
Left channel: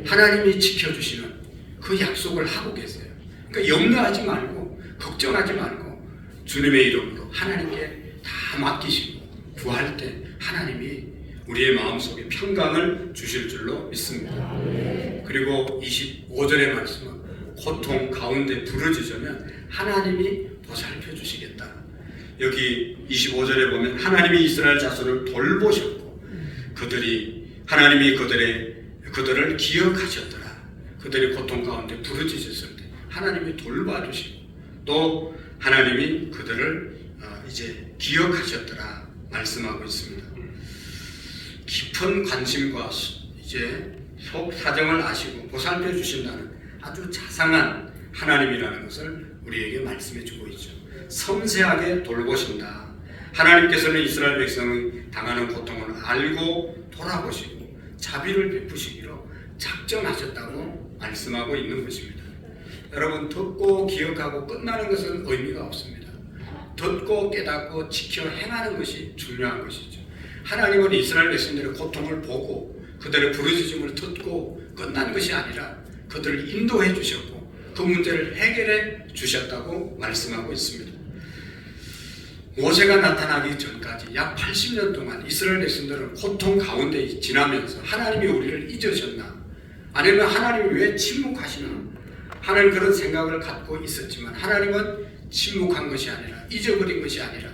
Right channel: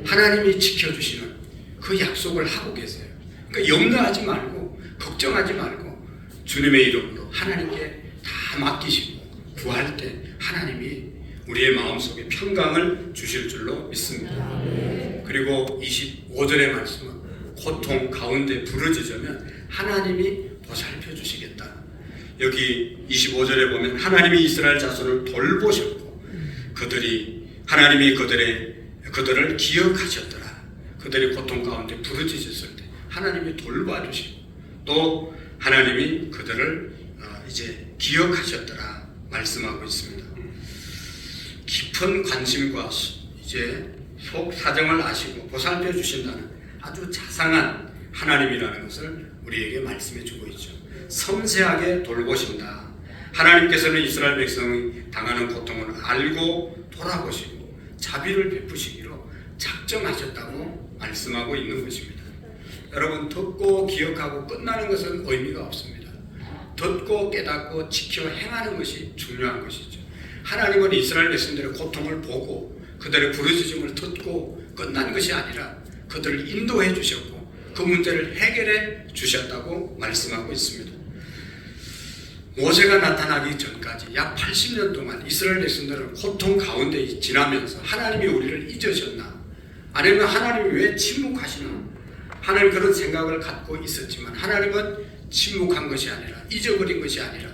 하나님이 지켜주시는 그 약속을 하고 계세요. 그러니까 염려하지 말고 걱정하지 말고 주님의 이름으로 하나님께 다 맡기시고 구할 때 하나님이 우리의 마음속에 평강을 주실 줄로 믿습니다. 그리고 25절의 말씀은 고통 가운데 부르짖으면 하나님이 보살펴 주시겠다. 여기 25절에 보면 하나님이 이스라엘 자손을 돌보셨고 하나님이 그들을 기억하셨더라. 그들이 고통 가운데 부르짖었을 때 하나님이 돌봐주시고 또 하나님이 그들을 이제 기억하셨더라 말씀하고 있습니다. 깊은 관심과 이제 속 사정을 아시고 보살펴 주신다는 아주 자상한 하나님이라는 것을 우리에게 말씀해 주고 있죠. 섬세하게 돌보신다. 하나님께서는 이스라엘 백성이 당하는 고통을 알고 돌아보시고 자비를 베푸시기로 작정하셨다고 말씀하고 있는 것입니다. 여러분, 듣고 기억하고 끝나는 것은 의미가 없습니다. 듣고 깨닫고 지켜 행하는 것이 중요한 것이죠. 하나님은 이스라엘 백성들의 고통을 보고 그들의 부르짖음을 듣고 끝난 것이 아니라 그들을 인도해 주셨고 그 문제를 해결해 주셨다고 말씀하고 있습니다. 모세가 나타나기 전까지 약 80년 동안 이스라엘 백성들은 고통 가운데 지나면서 하나님이 우리를 잊으셨나? 아니면 하나님이 왜 침묵하시나? 하는 그런 생각을 갖고 있었지만 하나님은 침묵한 것이 아니라 잊어버린 것이 아니라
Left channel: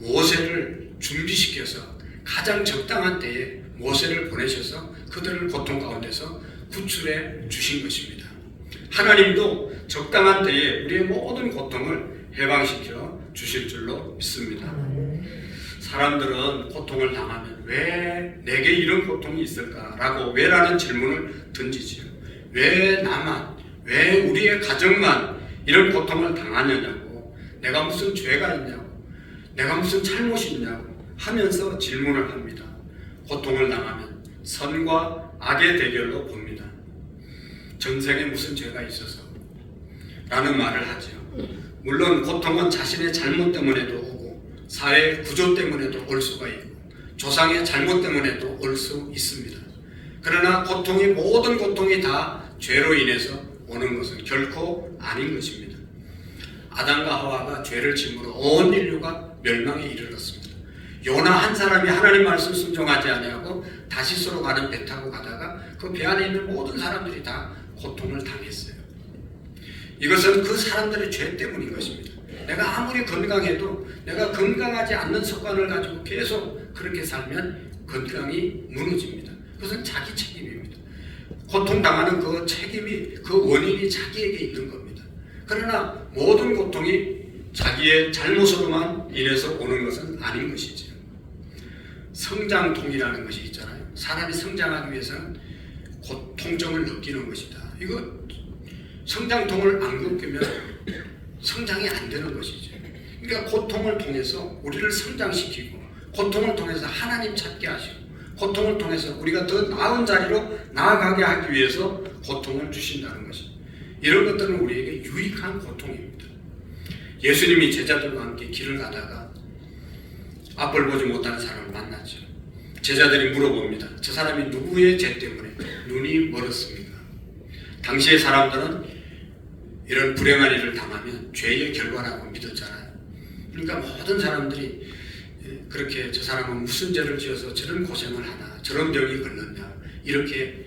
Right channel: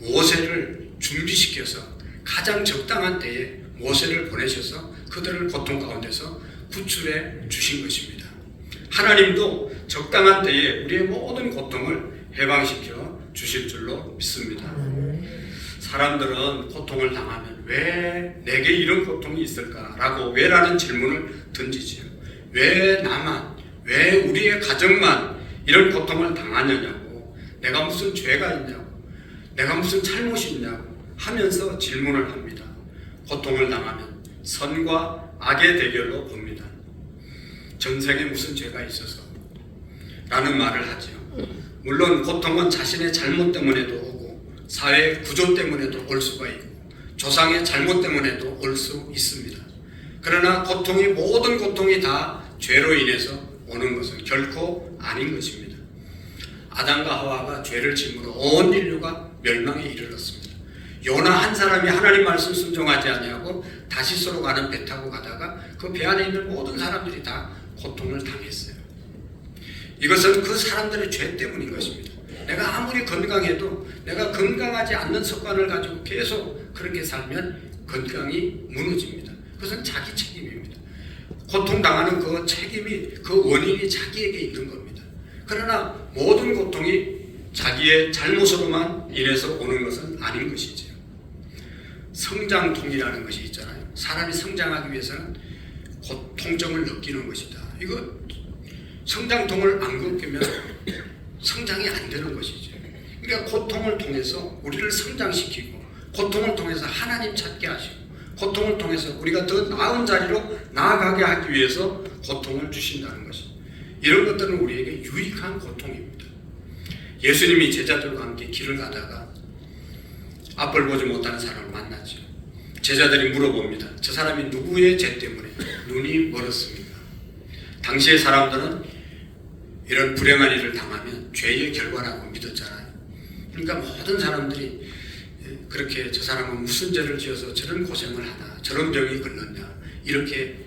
모세를 준비시켜서 가장 적당한 때에 모세를 보내셔서 그들을 고통 가운데서 구출해 주신 것입니다. 하나님도 적당한 때에 우리의 모든 고통을 해방시켜 주실 줄로 믿습니다. 사람들은 고통을 당하면 왜 내게 이런 고통이 있을까라고 왜라는 질문을 던지지요. 왜 나만, 왜 우리의 가정만 이런 고통을 당하느냐고, 내가 무슨 죄가 있냐고, 내가 무슨 잘못이 있냐고 하면서 질문을 합니다. 고통을 당하면 선과 악의 대결로 봅니다. 전생에 무슨 죄가 있어서 라는 말을 하죠. 물론 고통은 자신의 잘못 때문에도 오고 사회의 구조 때문에도 올 수가 있고 조상의 잘못 때문에도 올 수 있습니다. 그러나 모든 고통이 다 죄로 인해서 오는 것은 결코 아닌 것입니다. 아담과 하와가 죄를 짓므로 온 인류가 멸망에 이르렀습니다. 요나 한 사람이 하나님 말씀 순종하지 아니하고 다시스로 가는 배 타고 가다가 그 배 안에 있는 모든 사람들이 다 고통을 당했어요. 이것은 그 사람들의 죄 때문인 것입니다. 내가 아무리 건강해도 내가 건강하지 않는 습관을 가지고 계속 그렇게 살면 건강이 무너집니다. 그것은 자기 책임입니다. 고통당하는 그 책임이, 그 원인이 자기에게 있는 겁니다. 그러나 모든 고통이 자기의 잘못으로만 인해서 오는 것은 아닌 것이죠. 성장통이라는 것이 있잖아요. 사람이 성장하기 위해서는 통증을 느끼는 것이다. 이거 성장통을 안 겪으면 성장이 안 되는 것이죠. 그러니까 고통을 통해서 우리를 성장시키고, 고통을 통해서 하나님 찾게 하시고, 고통을 통해서 우리가 더 나은 자리로 나아가게 하기 위해서 고통을 주신다는 것입니다. 이런 것들은 우리에게 유익한 고통입니다. 예수님이 제자들과 함께 길을 가다가 앞을 보지 못하는 사람을 만났죠. 제자들이 물어봅니다. 저 사람이 누구의 죄 때문에 눈이 멀었습니까? 당시의 사람들은 이런 불행한 일을 당하면 죄의 결과라고 믿었잖아요. 그러니까 모든 사람들이 그렇게 저 사람은 무슨 죄를 지어서 저런 고생을 하나, 저런 병이 걸렸냐, 이렇게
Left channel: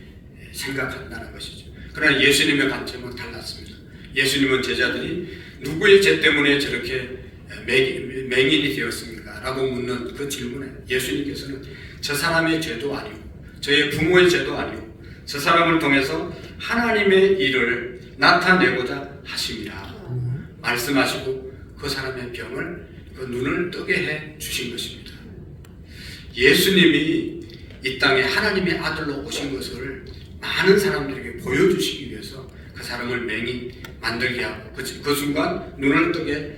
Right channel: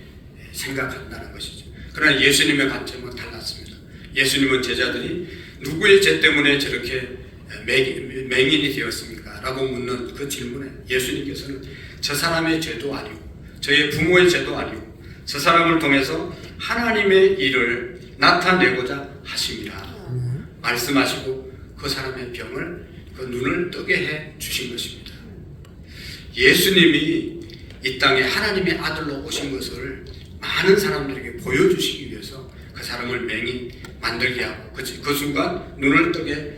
생각한다는 것이죠. 그러나 예수님의 관점은 달랐습니다. 예수님은 제자들이 누구의 죄 때문에 저렇게 맹인이 되었습니까? 라고 묻는 그 질문에 예수님께서는 저 사람의 죄도 아니고 저의 부모의 죄도 아니고 저 사람을 통해서 하나님의 일을 나타내고자 하십니다. 말씀하시고 그 사람의 병을, 그 눈을 뜨게 해 주신 것입니다. 예수님이 이 땅에 하나님의 아들로 오신 것을 많은 사람들에게 보여주시기 위해서 그 사람을 맹인 만들게 하고 그 순간 눈을 뜨게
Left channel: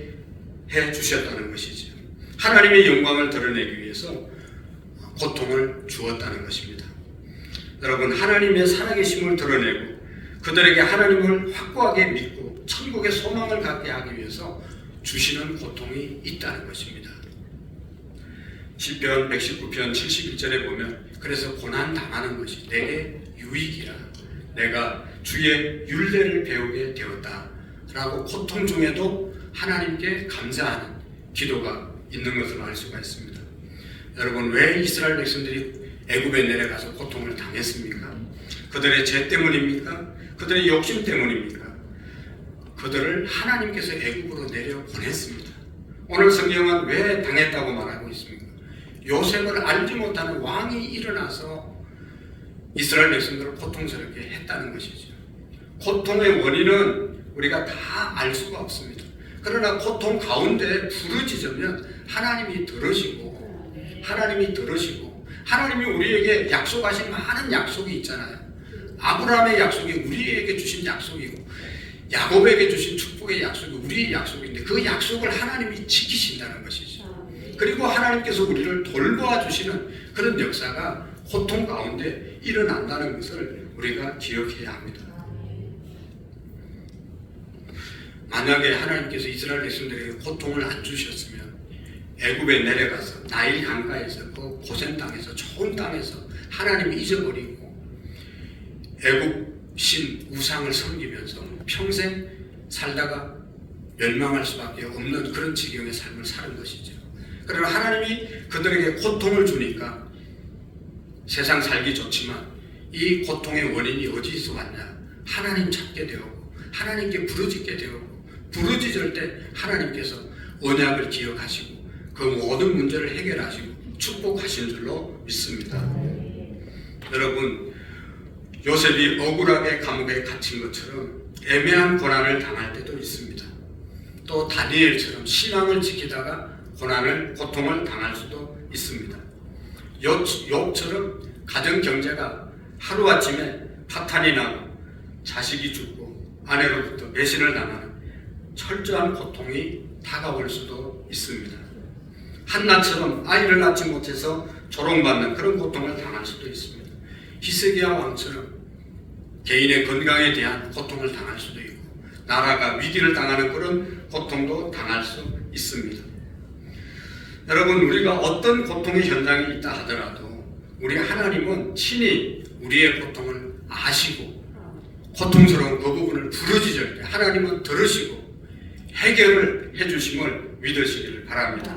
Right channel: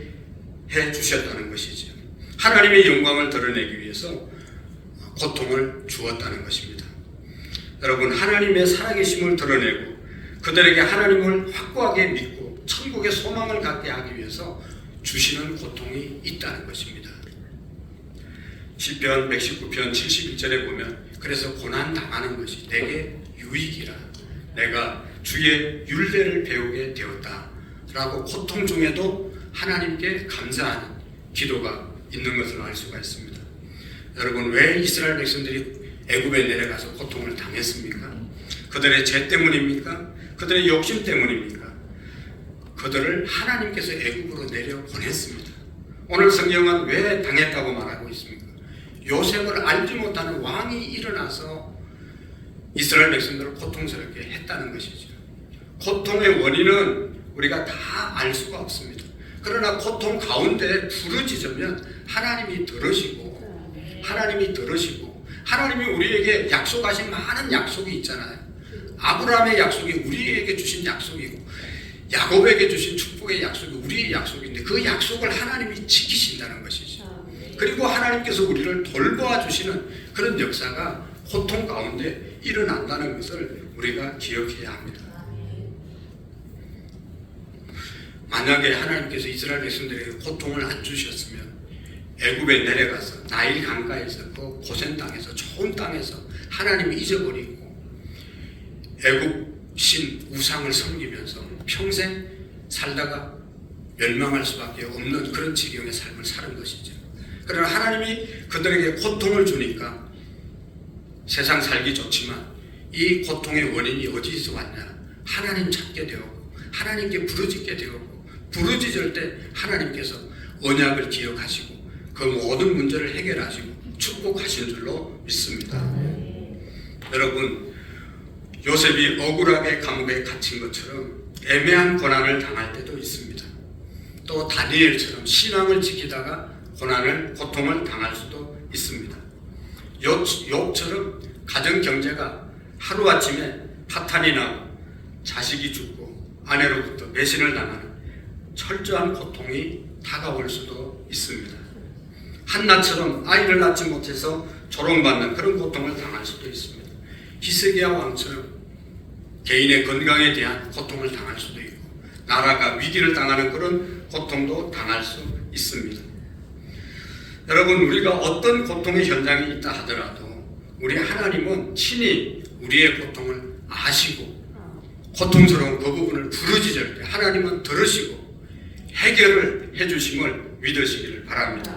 해 주셨다는 것이죠. 하나님의 영광을 드러내기 위해서 고통을 주었다는 것입니다. 여러분, 하나님의 살아계심을 드러내고 그들에게 하나님을 확고하게 믿고 천국의 소망을 갖게 하기 위해서 주시는 고통이 있다는 것입니다. 시편 119편 71절에 보면 그래서 고난 당하는 것이 내게 유익이라, 내가 주의 율례를 배우게 되었다 라고 고통 중에도 하나님께 감사하는 기도가 있는 것을 알 수가 있습니다. 여러분, 왜 이스라엘 백성들이 애굽에 내려가서 고통을 당했습니까? 그들의 죄 때문입니까? 그들의 욕심 때문입니까? 그들을 하나님께서 애굽으로 내려보냈습니다. 오늘 성경은 왜 당했다고 말하고 있습니까? 요셉을 알지 못하는 왕이 일어나서 이스라엘 백성들을 고통스럽게 했다는 것이죠. 고통의 원인은 우리가 다 알 수가 없습니다. 그러나 고통 가운데 부르짖으면 하나님이 들으시고 하나님이 우리에게 약속하신 많은 약속이 있잖아요. 아브라함의 약속이 우리에게 주신 약속이고 야곱에게 주신 축복의 약속이 우리의 약속인데 그 약속을 하나님이 지키신다는 것이죠. 그리고 하나님께서 우리를 돌보아 주시는 그런 역사가 고통 가운데 일어난다는 것을 우리가 기억해야 합니다. 만약에 하나님께서 이스라엘 백성들에게 고통을 안 주셨으면 애굽에 내려가서 나일 강가에서 그 고센 땅에서 좋은 땅에서 하나님을 잊어버리고 애굽 신 우상을 섬기면서 평생 살다가 멸망할 수밖에 없는 그런 지경의 삶을 사는 것이죠. 그러나 하나님이 그들에게 고통을 주니까 세상 살기 좋지만 이 고통의 원인이 어디서 왔냐? 하나님 찾게 되었고 하나님께 부르짖게 되었고 부르짖을 때 하나님께서 언약을 기억하시고 그 모든 문제를 해결하시고 축복하신 줄로 믿습니다. 여러분, 요셉이 억울하게 감옥에 갇힌 것처럼 애매한 고난을 당할 때도 있습니다. 또 다니엘처럼 신앙을 지키다가 고통을 당할 수도 있습니다. 욥처럼 가정 경제가 하루아침에 파탄이 나고 자식이 죽고 아내로부터 배신을 당하는 철저한 고통이 다가올 수도 있습니다. 한나처럼 아이를 낳지 못해서 조롱받는 그런 고통을 당할 수도 있습니다. 히스기야 왕처럼 개인의 건강에 대한 고통을 당할 수도 있고 나라가 위기를 당하는 그런 고통도 당할 수 있습니다. 여러분, 우리가 어떤 고통의 현장에 있다 하더라도 우리 하나님은 친히 우리의 고통을 아시고 고통스러운 그 부분을 부르짖을 때 하나님은 들으시고 해결을 해주심을 믿으시기를 바랍니다.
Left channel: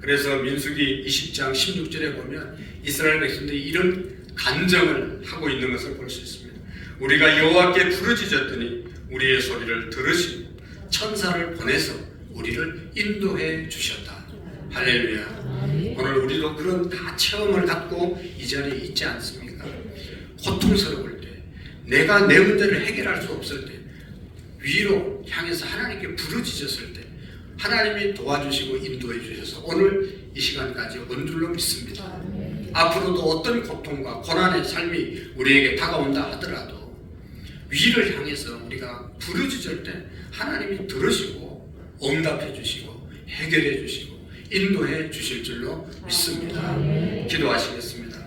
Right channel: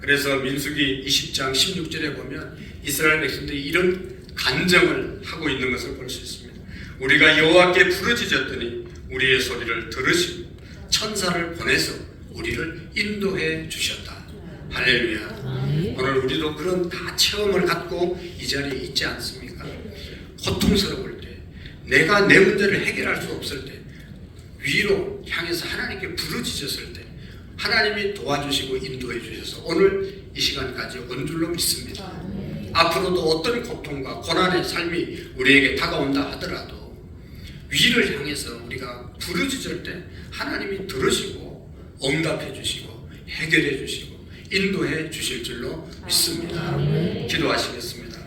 그래서 민수기 20장 16절에 보면 이스라엘 백성들이 이런 간증을 하고 있는 것을 볼 수 있습니다. 우리가 여호와께 부르짖었더니 우리의 소리를 들으시고 천사를 보내서 우리를 인도해 주셨다. 할렐루야. 오늘 우리도 그런 다 체험을 갖고 이 자리에 있지 않습니까? 고통스러울 때, 내가 내 문제를 해결할 수 없을 때, 위로 향해서 하나님께 부르짖었을 때 하나님이 도와주시고 인도해 주셔서 오늘 이 시간까지 온 줄로 믿습니다. 앞으로도 어떤 고통과 고난의 삶이 우리에게 다가온다 하더라도 위를 향해서 우리가 부르짖을 때 하나님이 들으시고 응답해 주시고 해결해 주시고 인도해 주실 줄로 믿습니다. 기도하시겠습니다.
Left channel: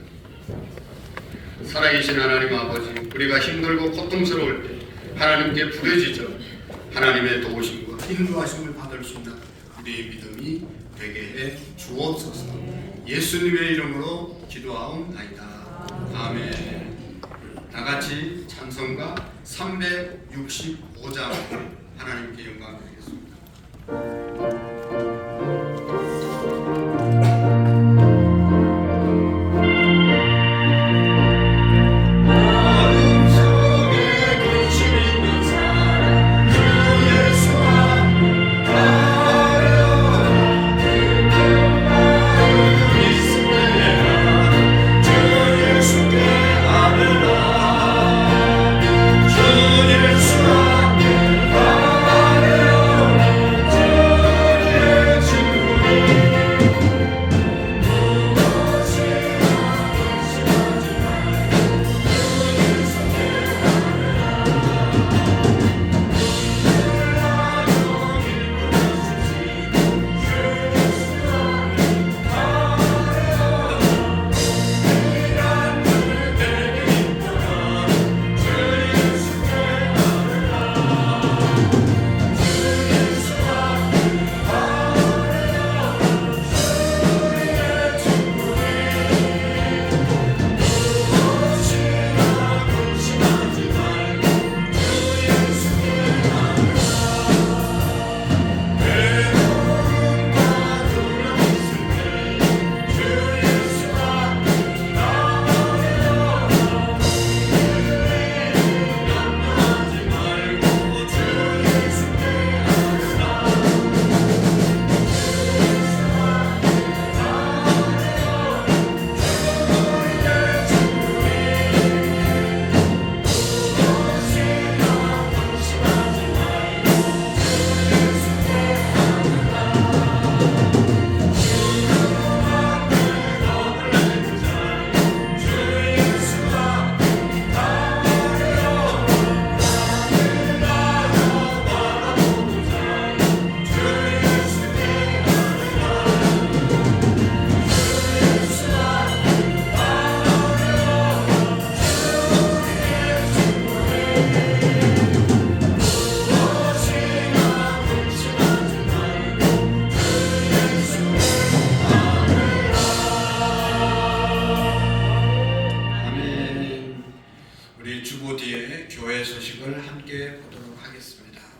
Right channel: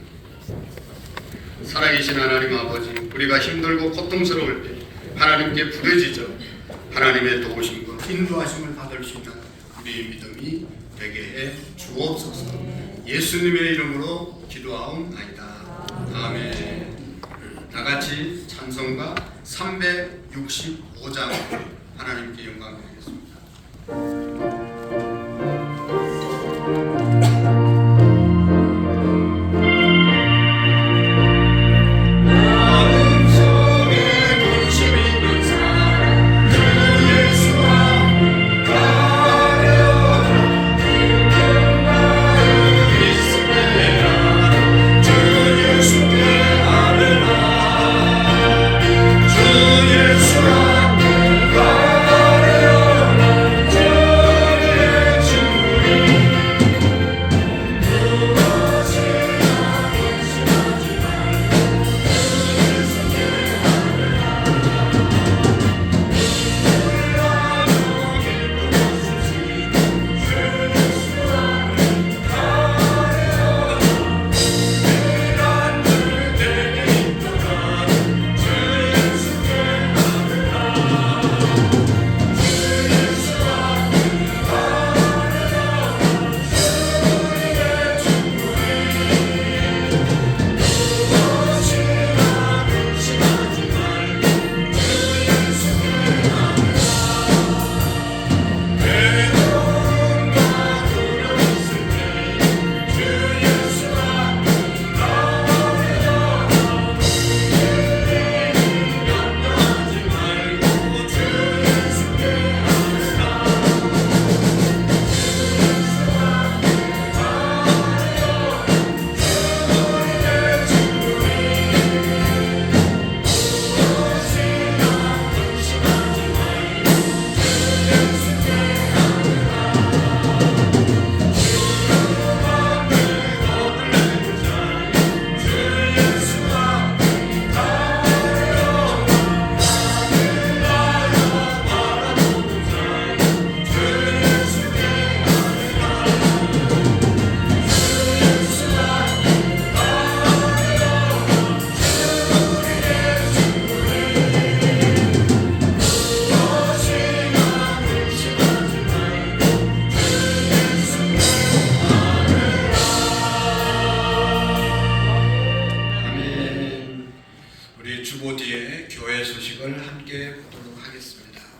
살아계신 하나님 아버지, 우리가 힘들고 고통스러울 때 하나님께 부르짖어 하나님의 도우심과 인도하심을 받을 수 있는 우리의 믿음이 되게 해 주옵소서. 예수님의 이름으로 기도하옵나이다. 아멘. 다같이 찬송가 365장 하나님께 영광 드리겠습니다.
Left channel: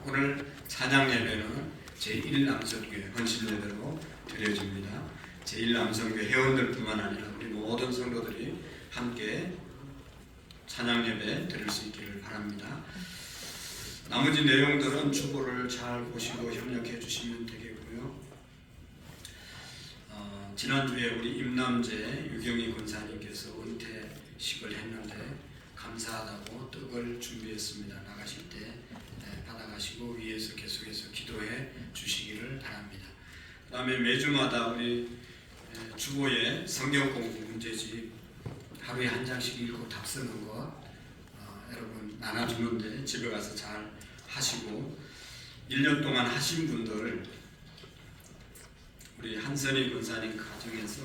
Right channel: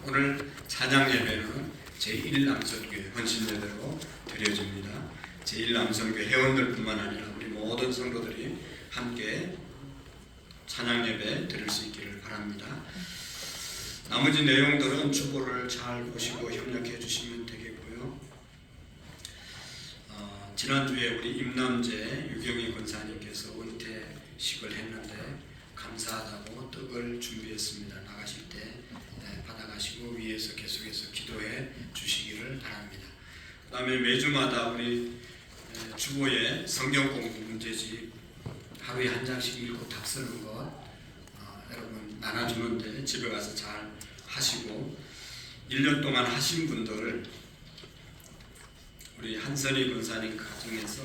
오늘 찬양 예배는 제1남성교회 헌신예배로 드려집니다. 제1남성교회 회원들뿐만 아니라 우리 모든 성도들이 함께 찬양 예배 드릴 수 있기를 바랍니다. 나머지 내용들은 주보를 잘 보시고 협력해 주시면 되겠고요. 지난주에 우리 임남재 유경희 권사님께서 은퇴식을 했는데 감사하다고 떡을 준비했습니다. 나가실 때 받아가시고 위에서 계속해서 기도해 주시기를 바랍니다. 그 다음에 매주마다 우리 주보에 성경 공부 문제집 하루에 한 장씩 읽고 답 쓰는 것 여러분 나눠주는데 집에 가서 잘 하시고 1년 동안 하신 분들 우리 한선희 권사님 가정에서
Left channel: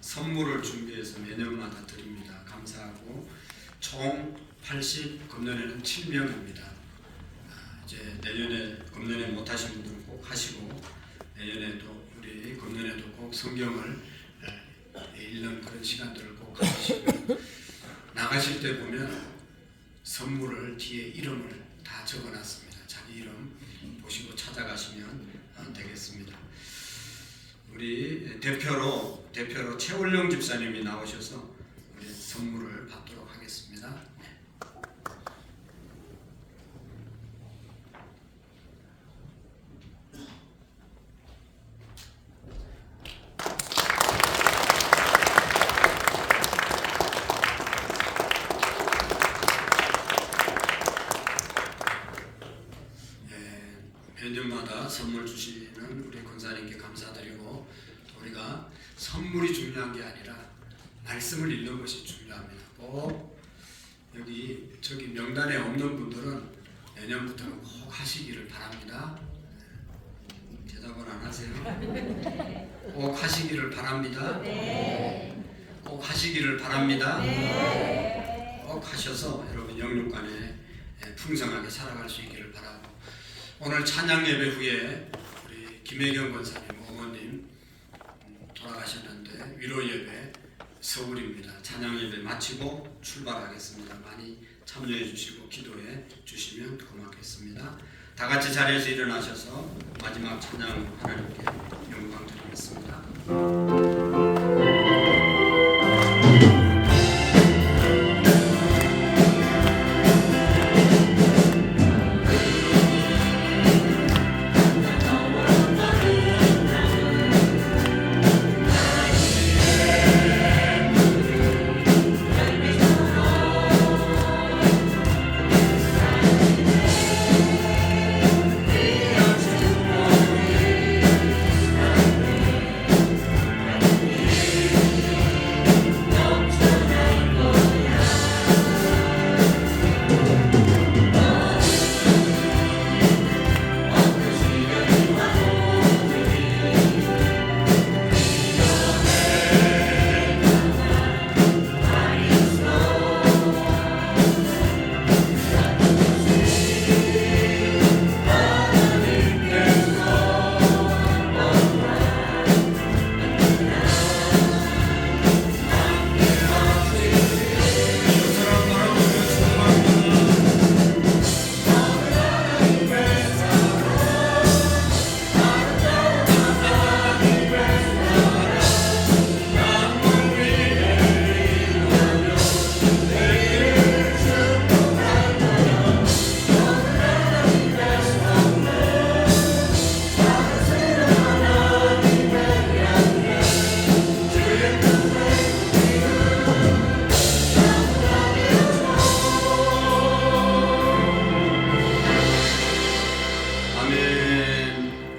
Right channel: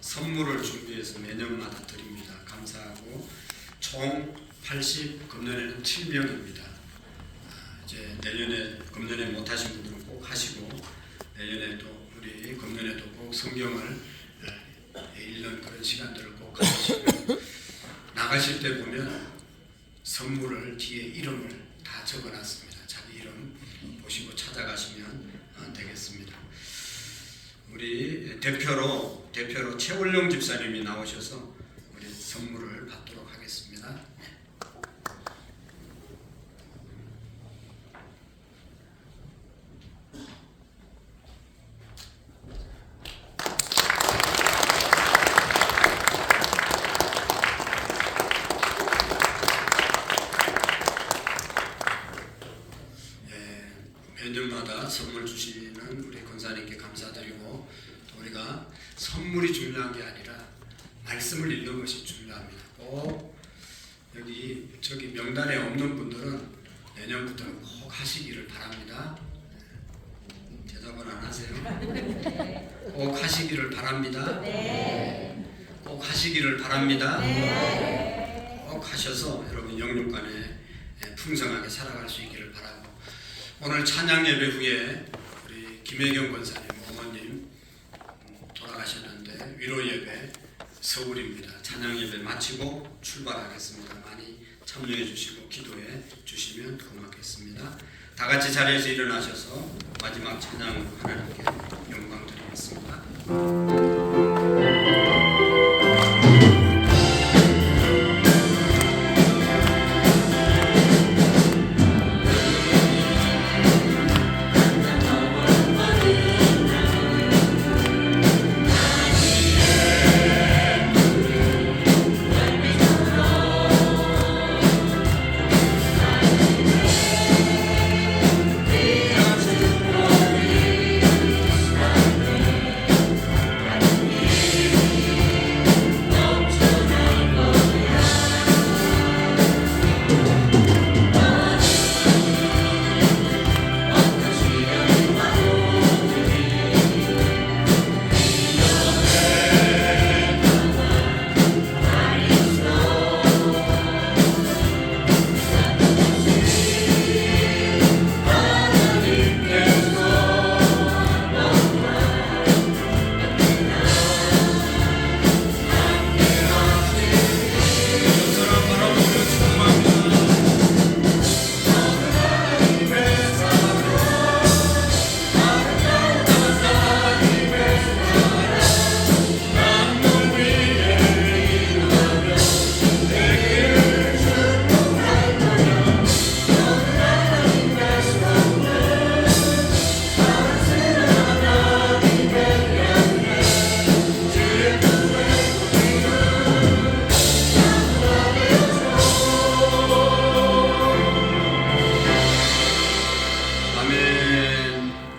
선물을 준비해서 매년마다 드립니다. 감사하고 총 80, 금년에는 7명입니다. 이제 내년에 금년에 못하신 분들은 꼭 하시고 내년에도 우리 금년에도 꼭 성경을 1년 그런 시간들을 꼭 가지시고 나가실 때 보면 선물을 뒤에 이름을 다 적어놨습니다. 자기 이름 보시고 찾아가시면 되겠습니다. 우리 대표로 최원룡 집사님이 나오셔서 우리 선물을 받도록 하겠습니다. 매년마다 선물 주시는 우리 권사님께 감사드리고 또 우리가 선물이 중요한 게 아니라 말씀을 읽는 것이 중요합니다. 꼭 여기 저기 명단에 없는 분들은 내년부터는 꼭 하시기를 바랍니다. 대답은 안 하세요? 꼭 하시기를 바랍니다. 꼭 하시기를 바랍니다. 꼭 하셔서 여러분 영육간에 풍성하게 살아갈 수 있기를 바라고 오늘 찬양 예배 후에 우리 김혜경 권사님 어머님 돌아가셨는데 위로 예배 서울입니다. 찬양 예배 마치고 출발하겠습니다. 많이 참여해 주시고 기도해 주시면 고맙겠습니다. 다 같이 자리에서 일어나셔서 마지막 찬양으로 하나님께 영광 드리겠습니다.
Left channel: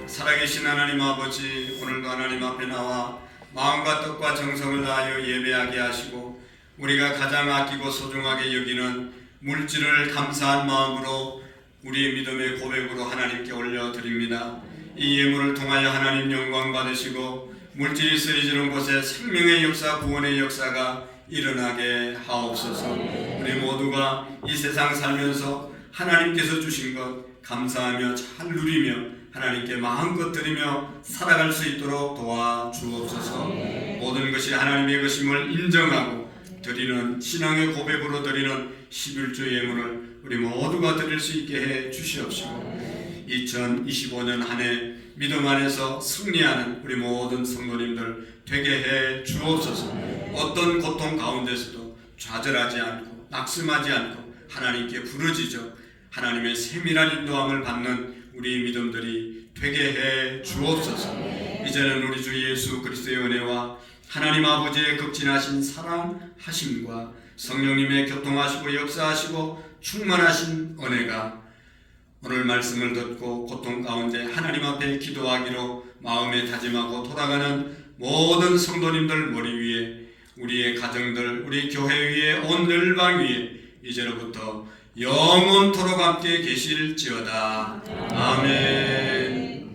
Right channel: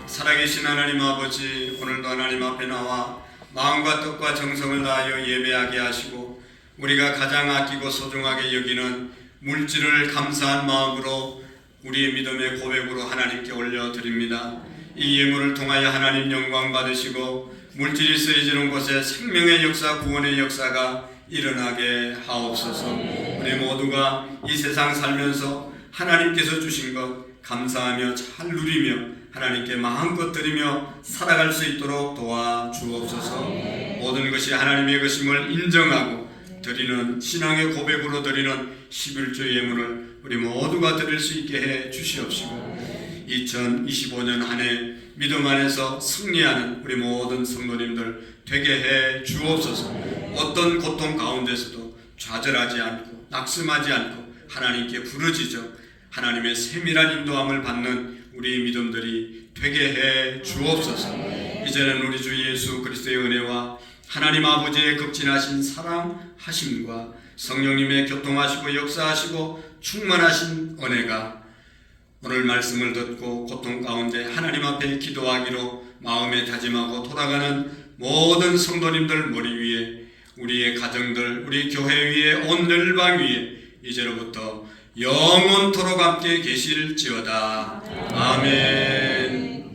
살아계신 하나님 아버지, 오늘도 하나님 앞에 나와 마음과 뜻과 정성을 다하여 예배하게 하시고 우리가 가장 아끼고 소중하게 여기는 물질을 감사한 마음으로 우리의 믿음의 고백으로 하나님께 올려드립니다. 이 예물을 통하여 하나님 영광 받으시고 물질이 쓰여지는 곳에 생명의 역사, 구원의 역사가 일어나게 하옵소서. 우리 모두가 이 세상 살면서 하나님께서 주신 것 감사하며 잘 누리며 하나님께 마음껏 드리며 살아갈 수 있도록 도와주옵소서. 모든 것이 하나님의 것임을 인정하고 드리는 신앙의 고백으로 드리는 11조 예물을 우리 모두가 드릴 수 있게 해 주시옵시고 2025년 한 해 믿음 안에서 승리하는 우리 모든 성도님들 되게 해 주옵소서. 어떤 고통 가운데서도 좌절하지 않고 낙심하지 않고 하나님께 부르짖어 하나님의 세밀한 인도함을 받는 우리 믿음들이 되게 해 주옵소서. 이제는 우리 주 예수 그리스도의 은혜와 하나님 아버지의 극진하신 사랑하심과 성령님의 교통하시고 역사하시고 충만하신 은혜가 오늘 말씀을 듣고 고통 가운데 하나님 앞에 기도하기로 마음에 다짐하고 돌아가는 모든 성도님들 머리 위에, 우리의 가정들, 우리 교회 위에, 온 열방 위에 이제로부터 영원토록 함께 계실지어다. 아멘.